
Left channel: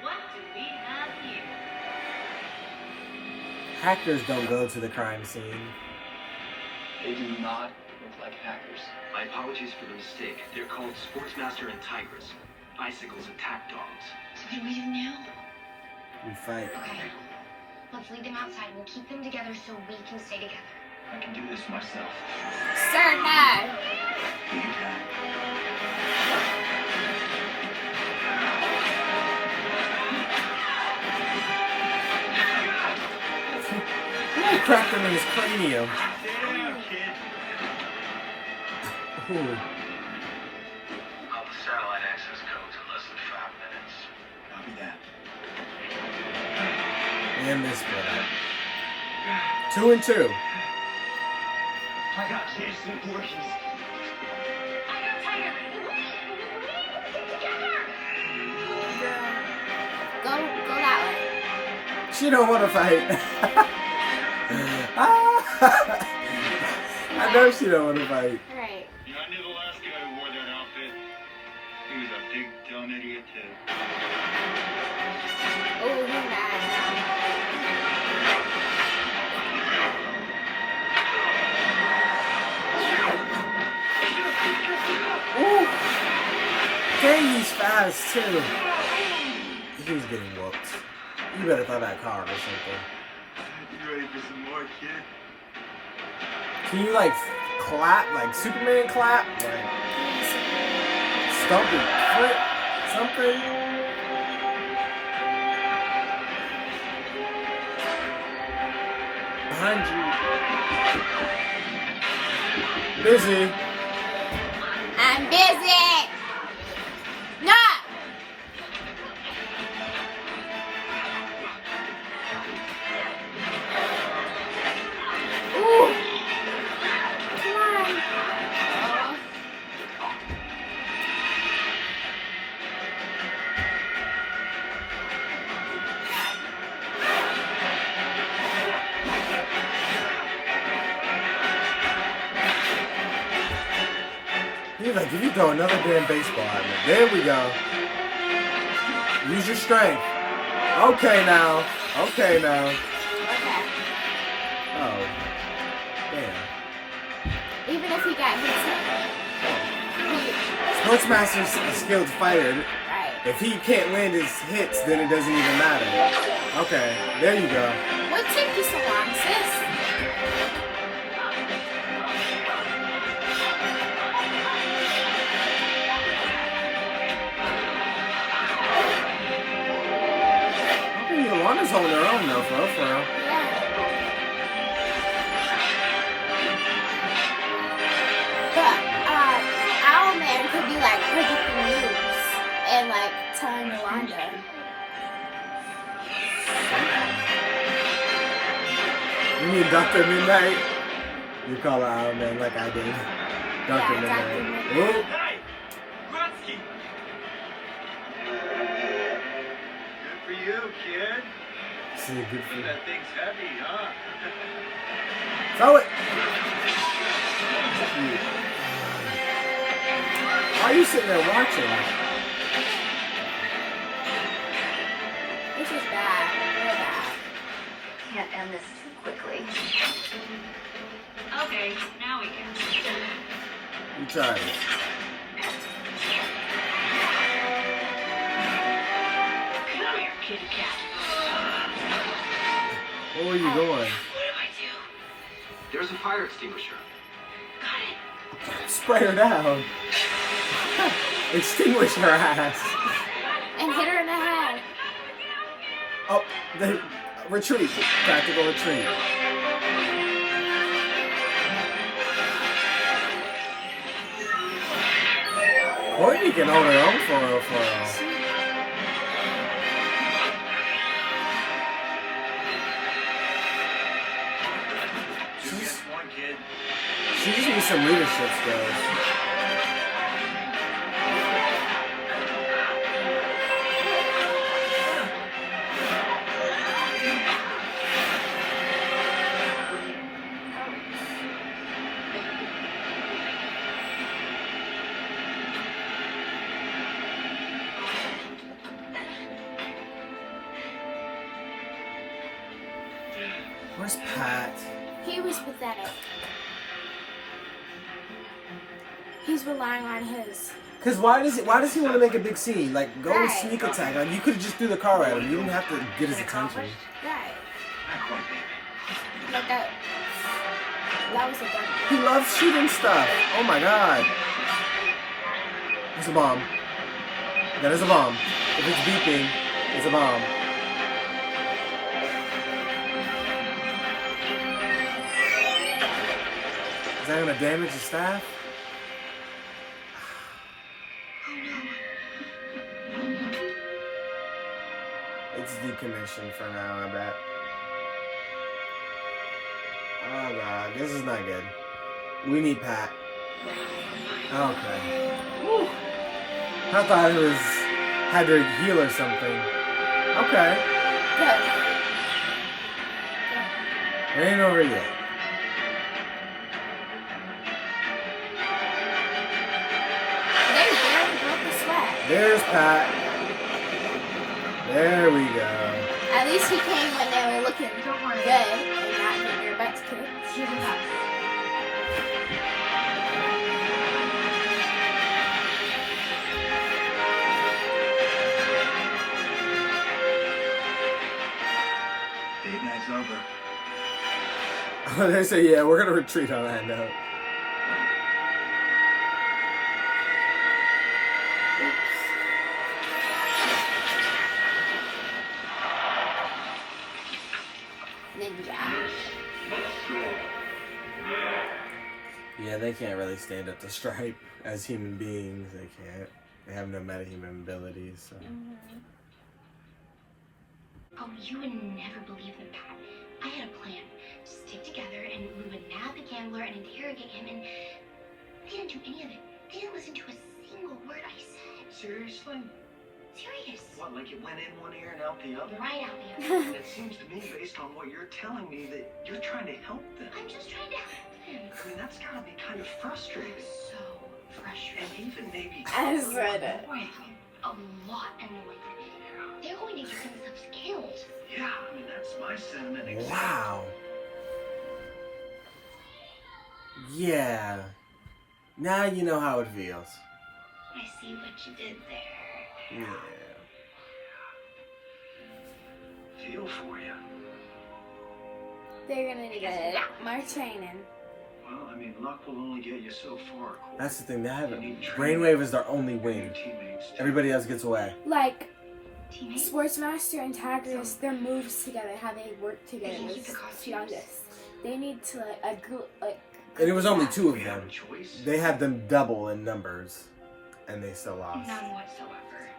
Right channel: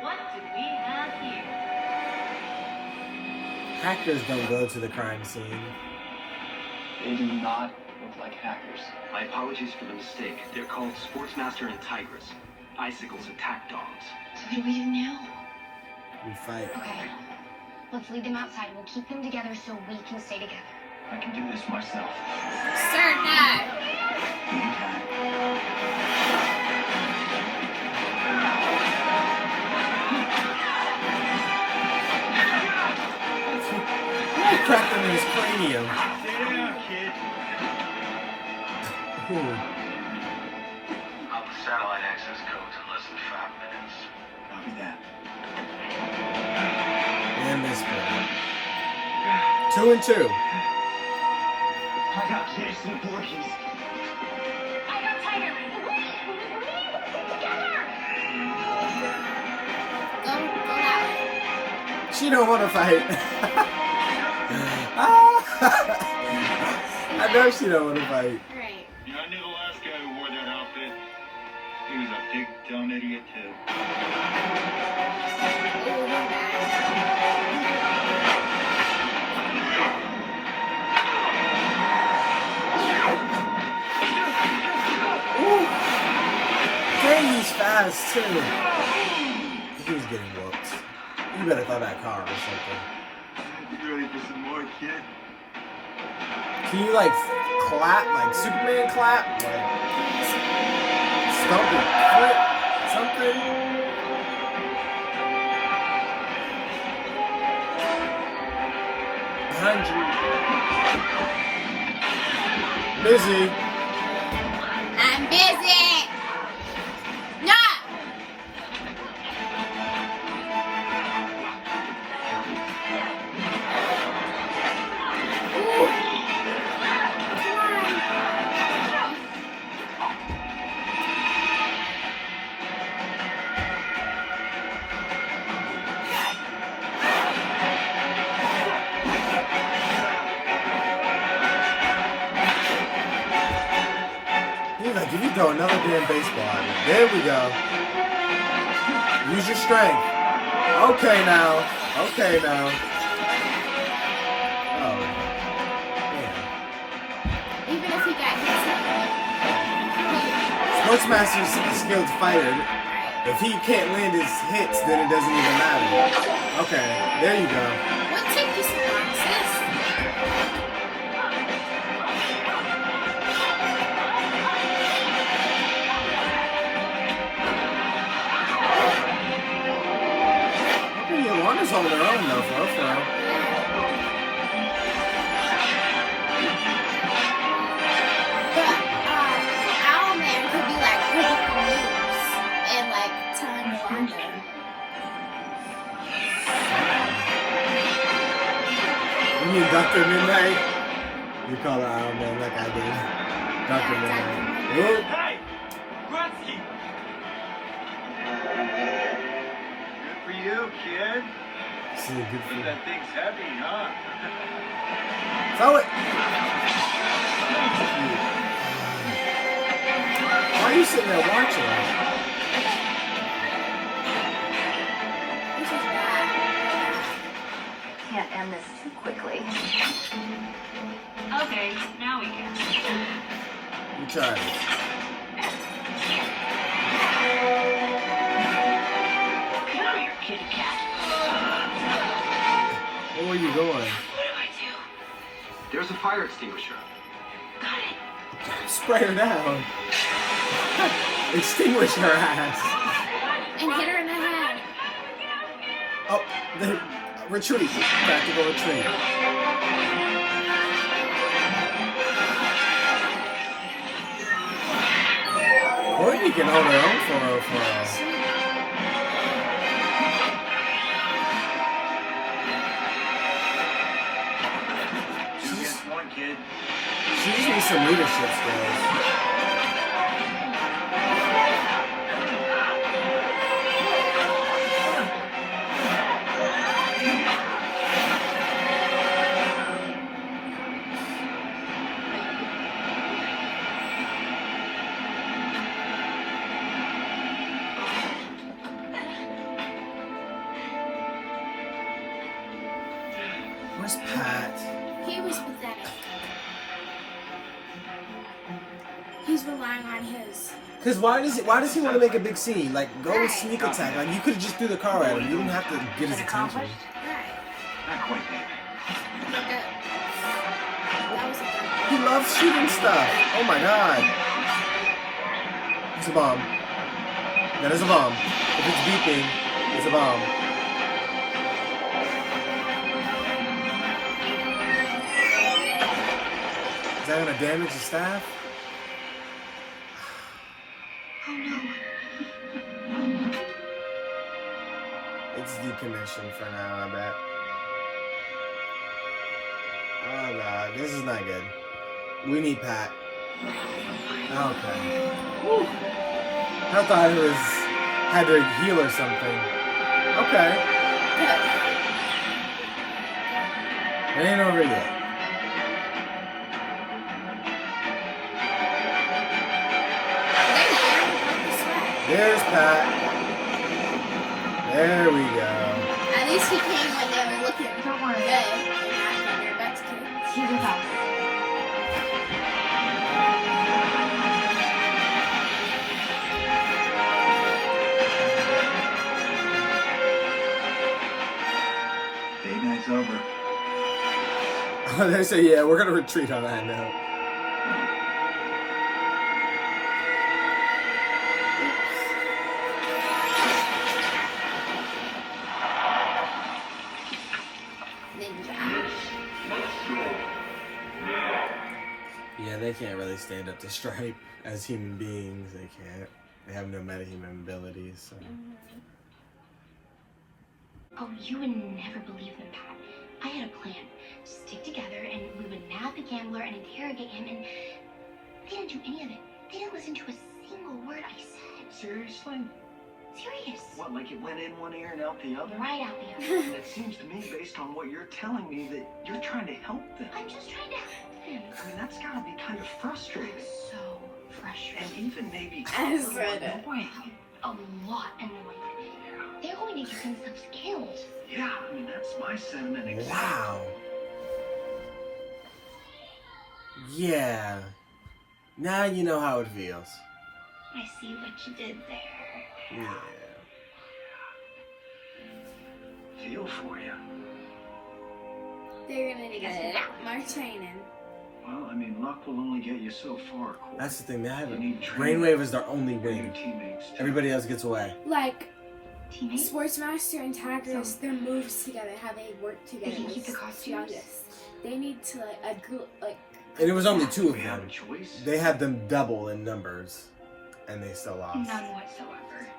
what do we have here? that. Hackers don't go to the crime scene. They do not look like hackers. My apologies for the mistake. They're called Sportsmaster and Tigress. Icicles attack dogs. So what do we do now? We fight. Okay. Let's lead them outside. We'll keep them together so we can stay together. I can do this myself. Start back. Ooh, cracked him in his cranium. Who? I'll have satellite access codes in less than 5 minutes. Copy that. And this one. 2 and 2. I got Jason Voorhees. I got Tiger. Go that way. She don't want to fight. I know she don't want to fight. Alright. Yeah, I knew the last guy who wore that outfit. He was a big dumb idiot too. Oh, he's mad. Ooh. Dang, he's fast too. He was getting whooped. You better throw that car or something. You ready for some more, kid? Can you like clap, like Superman clap? Like stomp your foot? Something? Behind you. Busy. I'm busy. No. Ooh. Come on. He's like, if you throw another damn baseball at me, there we go. Use your strength. Okay now. Okay now. Oh. Damn. Even if he got hit, Sportsmaster's a skilled fighter. right. If he can't land his hits, then it doesn't even matter. Okay, there you go. What took you so long, sis? Okay, Yolanda's holding her own though, for real. Yeah. But Owlman could be like predicting moves and like telling Yolanda. You mean Dr. Mid-Nite? You call her Owlman like I did. Dr. Yeah, Mid-Nite. Dr. Whoop. Hey! Grutsky! Good for you, kid. See, good for you. That thing's heavy, huh? Throw it! Why are you sitting there watching? This is bad. Real bad. Can't end this so quickly. Okay, now we can. You tried it. Come here, kitty cat. Where were you going? What do I do? There's a fire extinguisher. Got it. Spray her down. Extinguish her ass. And hit her in the head. Oh, they retreat. Tactical retreat. Courtney can hold her own for real. One kid. She just needs some leadership skills. Where's Pat? He was pathetic. He's relying on his. Cause why does he want to make a big scene? Like go with Right. sneak attack. Like you could have just threw the car at him. You didn't have to get his attention. Right. Not quite, baby. But that was a good. He loves shooting stuff. Oh my god. It's a bomb. That is a bomb. If it's beeping, it's a bomb. Is that gonna damage the staff? decommissioned for now, I bet. Oh god, this is not good. We need Pat. Okay. Whew. I thought it was had to heal or something. Okay. It ain't over yet. There's Pat. There we go. At least he came when they were looking good and not getting their butts kicked. He's the best. Date night's over. They say, yeah, we're gonna retreat on that note. Yeah, they can't really stand up to Stripe as human beings. They can't. They have no metahuman abilities. So. Oh, you would never believe them, Pat. I had a plan. Stick together and we would nab the gambler and interrogate him, and they didn't do any of it. They didn't listen to a single word I said. Seriously? Serious. What, like it went in one ear and out the other? Right out the other. It seems to me, based on what you're telling me, that you're trying to help them. I'm just trying to help them. I mean, that's gotta be kind of frustrating. So frustrating. And even maybe I just read it. annoying. A lot annoying. They're going to get themselves killed. Yeah, I mean, that's my sentiment. Exactly. Wow. Yeah. Now you know how it feels. I see what you did there. Yeah. Feel for you. They're gonna need a lot more training. Well, I mean, luck will only get you so far. Cool. That's the thing. They have You it. need training. Brainwave is their only Your wing. teammates, too. Everybody else gets away. Like Teammates? Sportsmaster and Tigers, their moves together, how they work together. They can is keep the costumes. humongous. They need to like. And it was only two of We have them. a choice. They had them double in numbers, and they still lost. None whatsoever.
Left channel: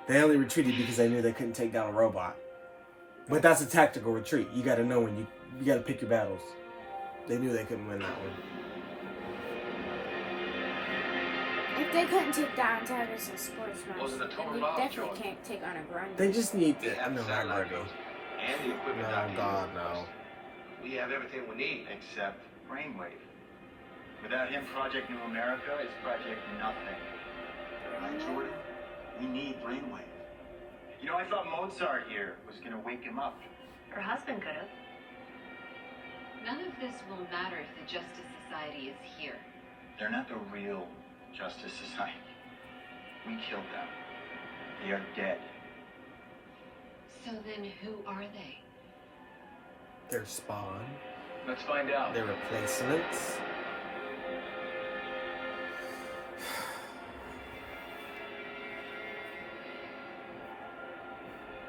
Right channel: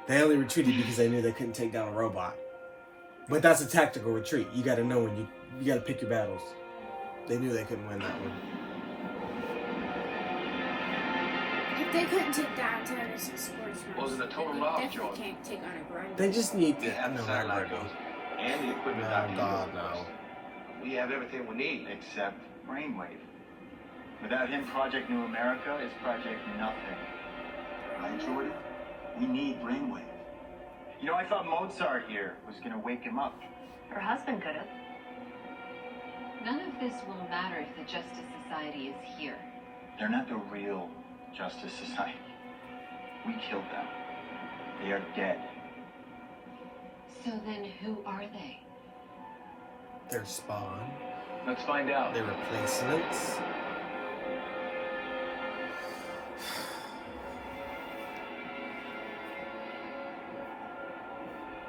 They only retreated because they knew they couldn't take down a robot. But that's a tactical retreat. You got to know when you got to pick your battles. They knew they couldn't win that one. If they couldn't take down Tigers and Sportsmaster, What was the total they loss, definitely John? can't take on a grind. They just need They to. have No, the not satellite Gritty. and the equipment. No, out here. God, no. We have everything we need. Except Brainwave. Without him, Project New America is Project Nothing. Right, Jordan? We need Brainwave. You know, I thought Mozart here was gonna wake him up. Her husband could have. None of this will matter if the Justice Society is here. They're not the real Justice Society. We killed them. They are dead. So then who are they? Their spawn. Let's find out. Their replacements.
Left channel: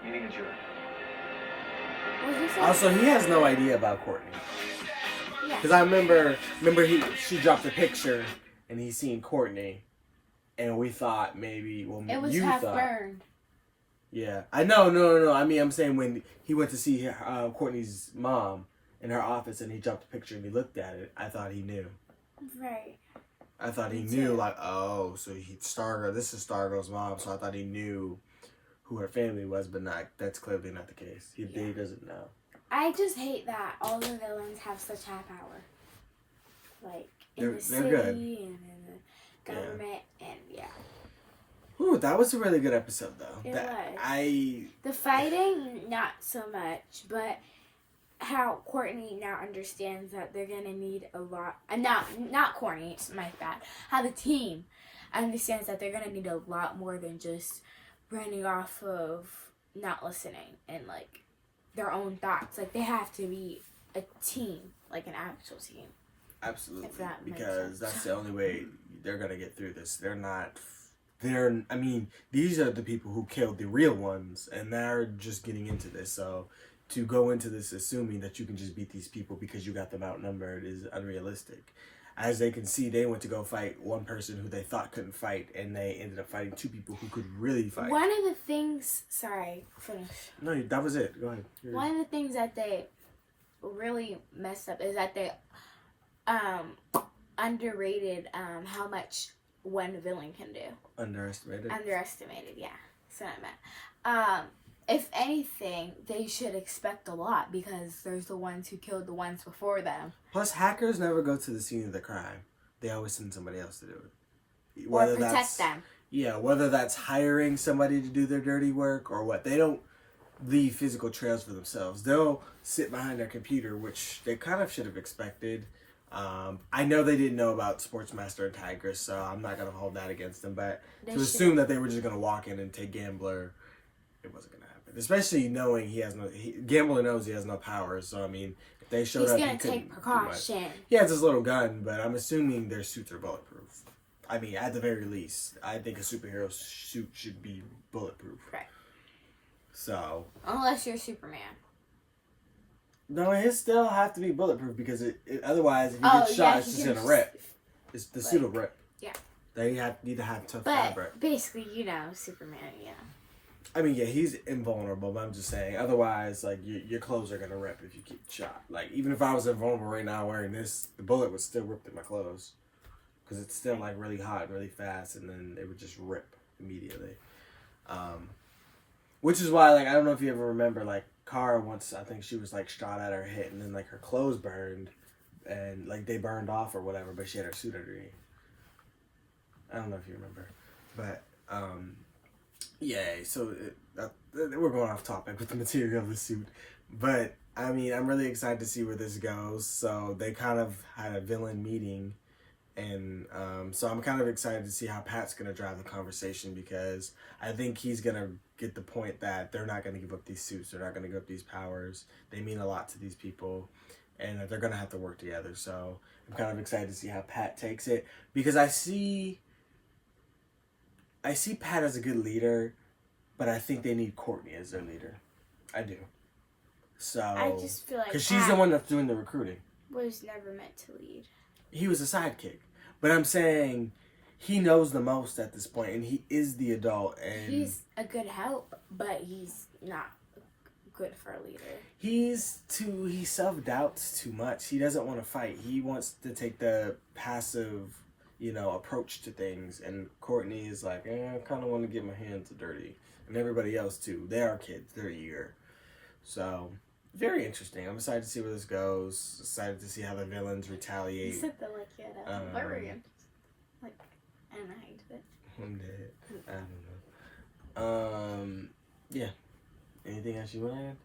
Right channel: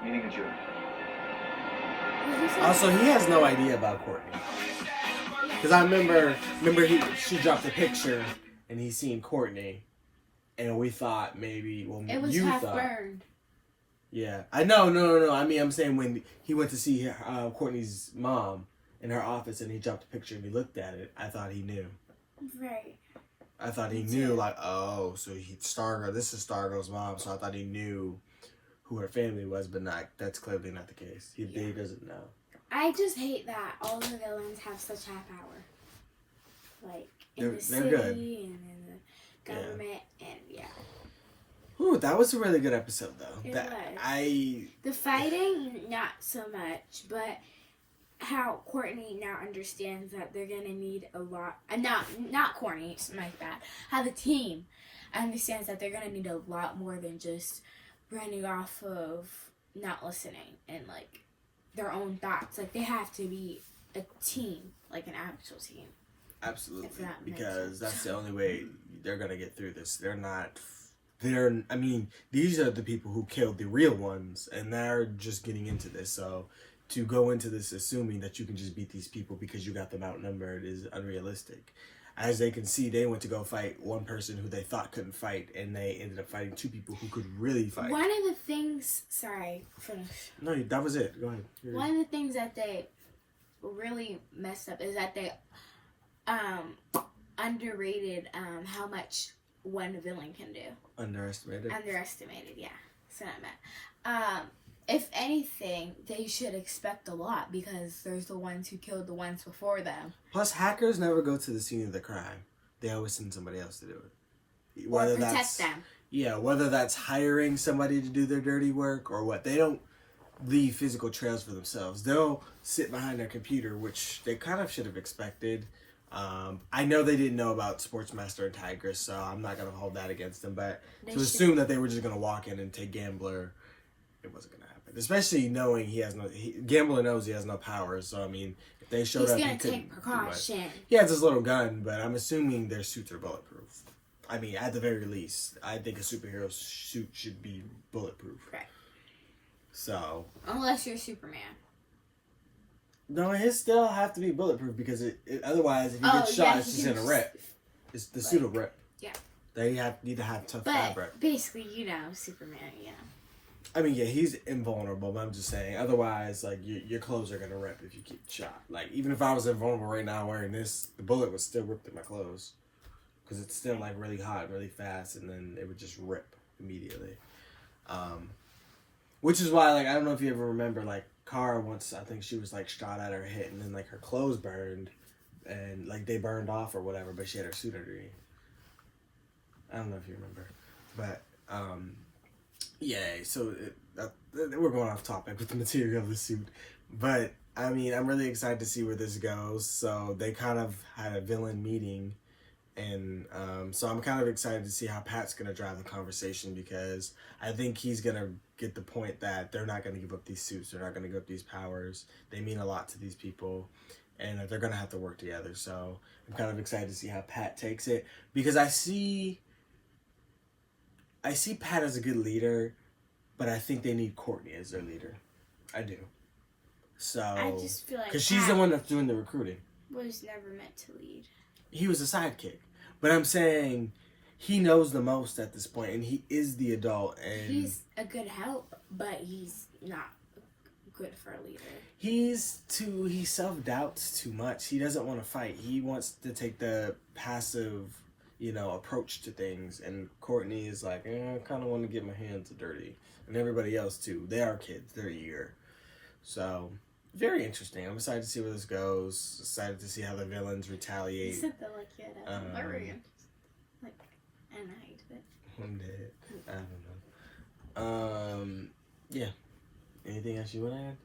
Meeting adjourned. What did you say? Also, he has no idea about Courtney. Because I remember she dropped a picture and he seen Courtney, and we thought maybe, well, It was you half thought, burned. yeah. I know, no. I mean, I'm saying when he went to see Courtney's mom in her office and he dropped a picture and he looked at it, I thought he knew. Right. I thought he Me knew, too. like, oh, so Stargirl. This is Stargirl's mom, so I thought he knew who her family was, but that's clearly not the case. He doesn't know. I just hate that all the villains have such high power. Like in They're the city good. and in the government and yeah. Ooh, that was a really good episode, though. It was. The fighting, not so much, but how Courtney now understands that they're gonna need a lot. Not Courtney, it's my bad. How the team understands that they're gonna need a lot more than just running off of not listening and like their own thoughts. Like they have to be a team, like an actual team. Absolutely, If that makes because sense. that's the only way they're gonna get through this. I mean, these are the people who killed the real ones, and they're just getting into this. So to go into this assuming that you can just beat these people because you got them outnumbered is unrealistic. as they can see, they went to go fight one person who they thought couldn't fight, and they ended up fighting two people who could really fight. One of the things, sorry, finish. No, that was it. Go ahead. One of the things that they really messed up is that they underrated how much one villain can do. Underestimated, yeah. So I meant. If anything, they should expect a lot because there's the ones who killed the ones before them. Plus, hackers never go to the scene of the crime. They always send somebody else to do it. Or protect them. Yeah, whether that's hiring somebody to do their dirty work or what. They don't leave physical trails for themselves. They'll sit behind their computer, which they kind of should have expected. I know they didn't know about Sportsmaster and Tigress, so I'm not going to hold that against them. But to assume that they were just going to walk in and take Gambler, it wasn't going to happen. Especially knowing Gambler knows he has no powers. So, I mean, if they showed up, he couldn't do much. He has his little gun, but I'm assuming their suits are bulletproof. I mean, at the very least, I think a superhero suit should be bulletproof. Right. So. Unless you're Superman. No, his still have to be bulletproof because otherwise, if he gets shot, it's just gonna rip. It's the suit will rip. Yeah. They need to have tough fabric. But basically, Superman, yeah. I mean, yeah, he's invulnerable, but I'm just saying, otherwise, like, your clothes are going to rip if you get shot. Like, even if I was invulnerable right now wearing this, the bullet would still rip through my clothes. Because it's still, like, really hot and really fast, and then it would just rip immediately. Which is why, like, I don't know if you ever remember, like, Kara once, I think she was, like, shot at her hit, and then, like, her clothes burned, and, like, they burned off or whatever, but she had her suit underneath. I don't know if you remember. But, yeah, so we're going off topic with the material of the suit. But, I mean, I'm really excited to see where this goes. So, they kind of had a villain meeting. And so I'm kind of excited to see how Pat's going to drive the conversation because I think he's going to get the point that they're not going to give up these suits. They're not going to give up these powers. They mean a lot to these people. And they're going to have to work together. So I'm kind of excited to see how Pat takes it. Because I see Pat as a good leader, but I think they need Courtney as their leader. I do. So, I just feel like because she's the one that's doing the recruiting. Was never meant to lead. He was a sidekick, but I'm saying he knows the most at this point, and he is the adult. And he's a good help, but he's not good for a leader. He self-doubts too much. He doesn't want to fight. He wants to take the passive, approach to things. And Courtney is like, I kind of want to get my hands dirty. And everybody else too. They are kids. They're eager. So, very interesting. I'm excited to see where this goes. Excited to see how the villains retaliate. You said that like you had a bird. Like, and I hated it. I'm dead. I don't know. Yeah. Anything else you want to add?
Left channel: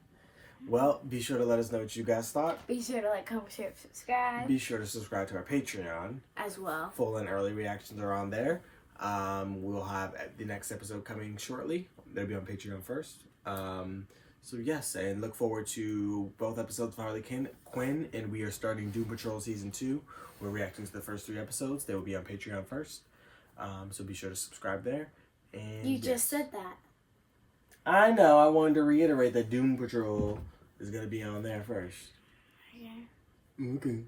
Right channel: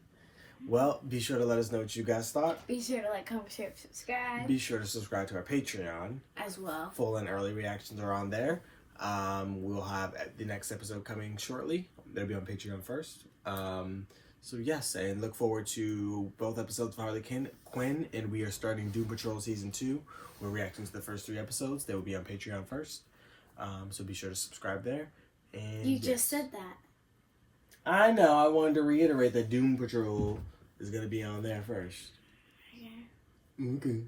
Well, be sure to let us know what you guys thought. Be sure to like, comment, share, subscribe. Be sure to subscribe to our Patreon. As well. Full and early reactions are on there. We'll have the next episode coming shortly. They'll be on Patreon first. So yes, and look forward to both episodes of Harley Quinn, and we are starting Doom Patrol Season 2. We're reacting to the first 3 episodes. They will be on Patreon first. So be sure to subscribe there. And you just said that. I know. I wanted to reiterate that Doom Patrol is going to be on there first. Yeah. Okay.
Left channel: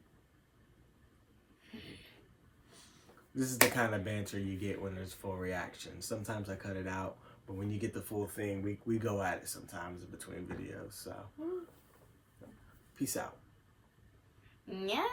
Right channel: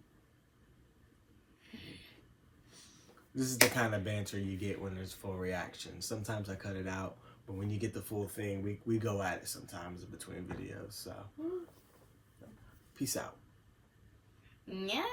This is the kind of banter you get when there's full reaction. Sometimes I cut it out, but when you get the full thing, we go at it sometimes in between videos. So, peace out. Yeah.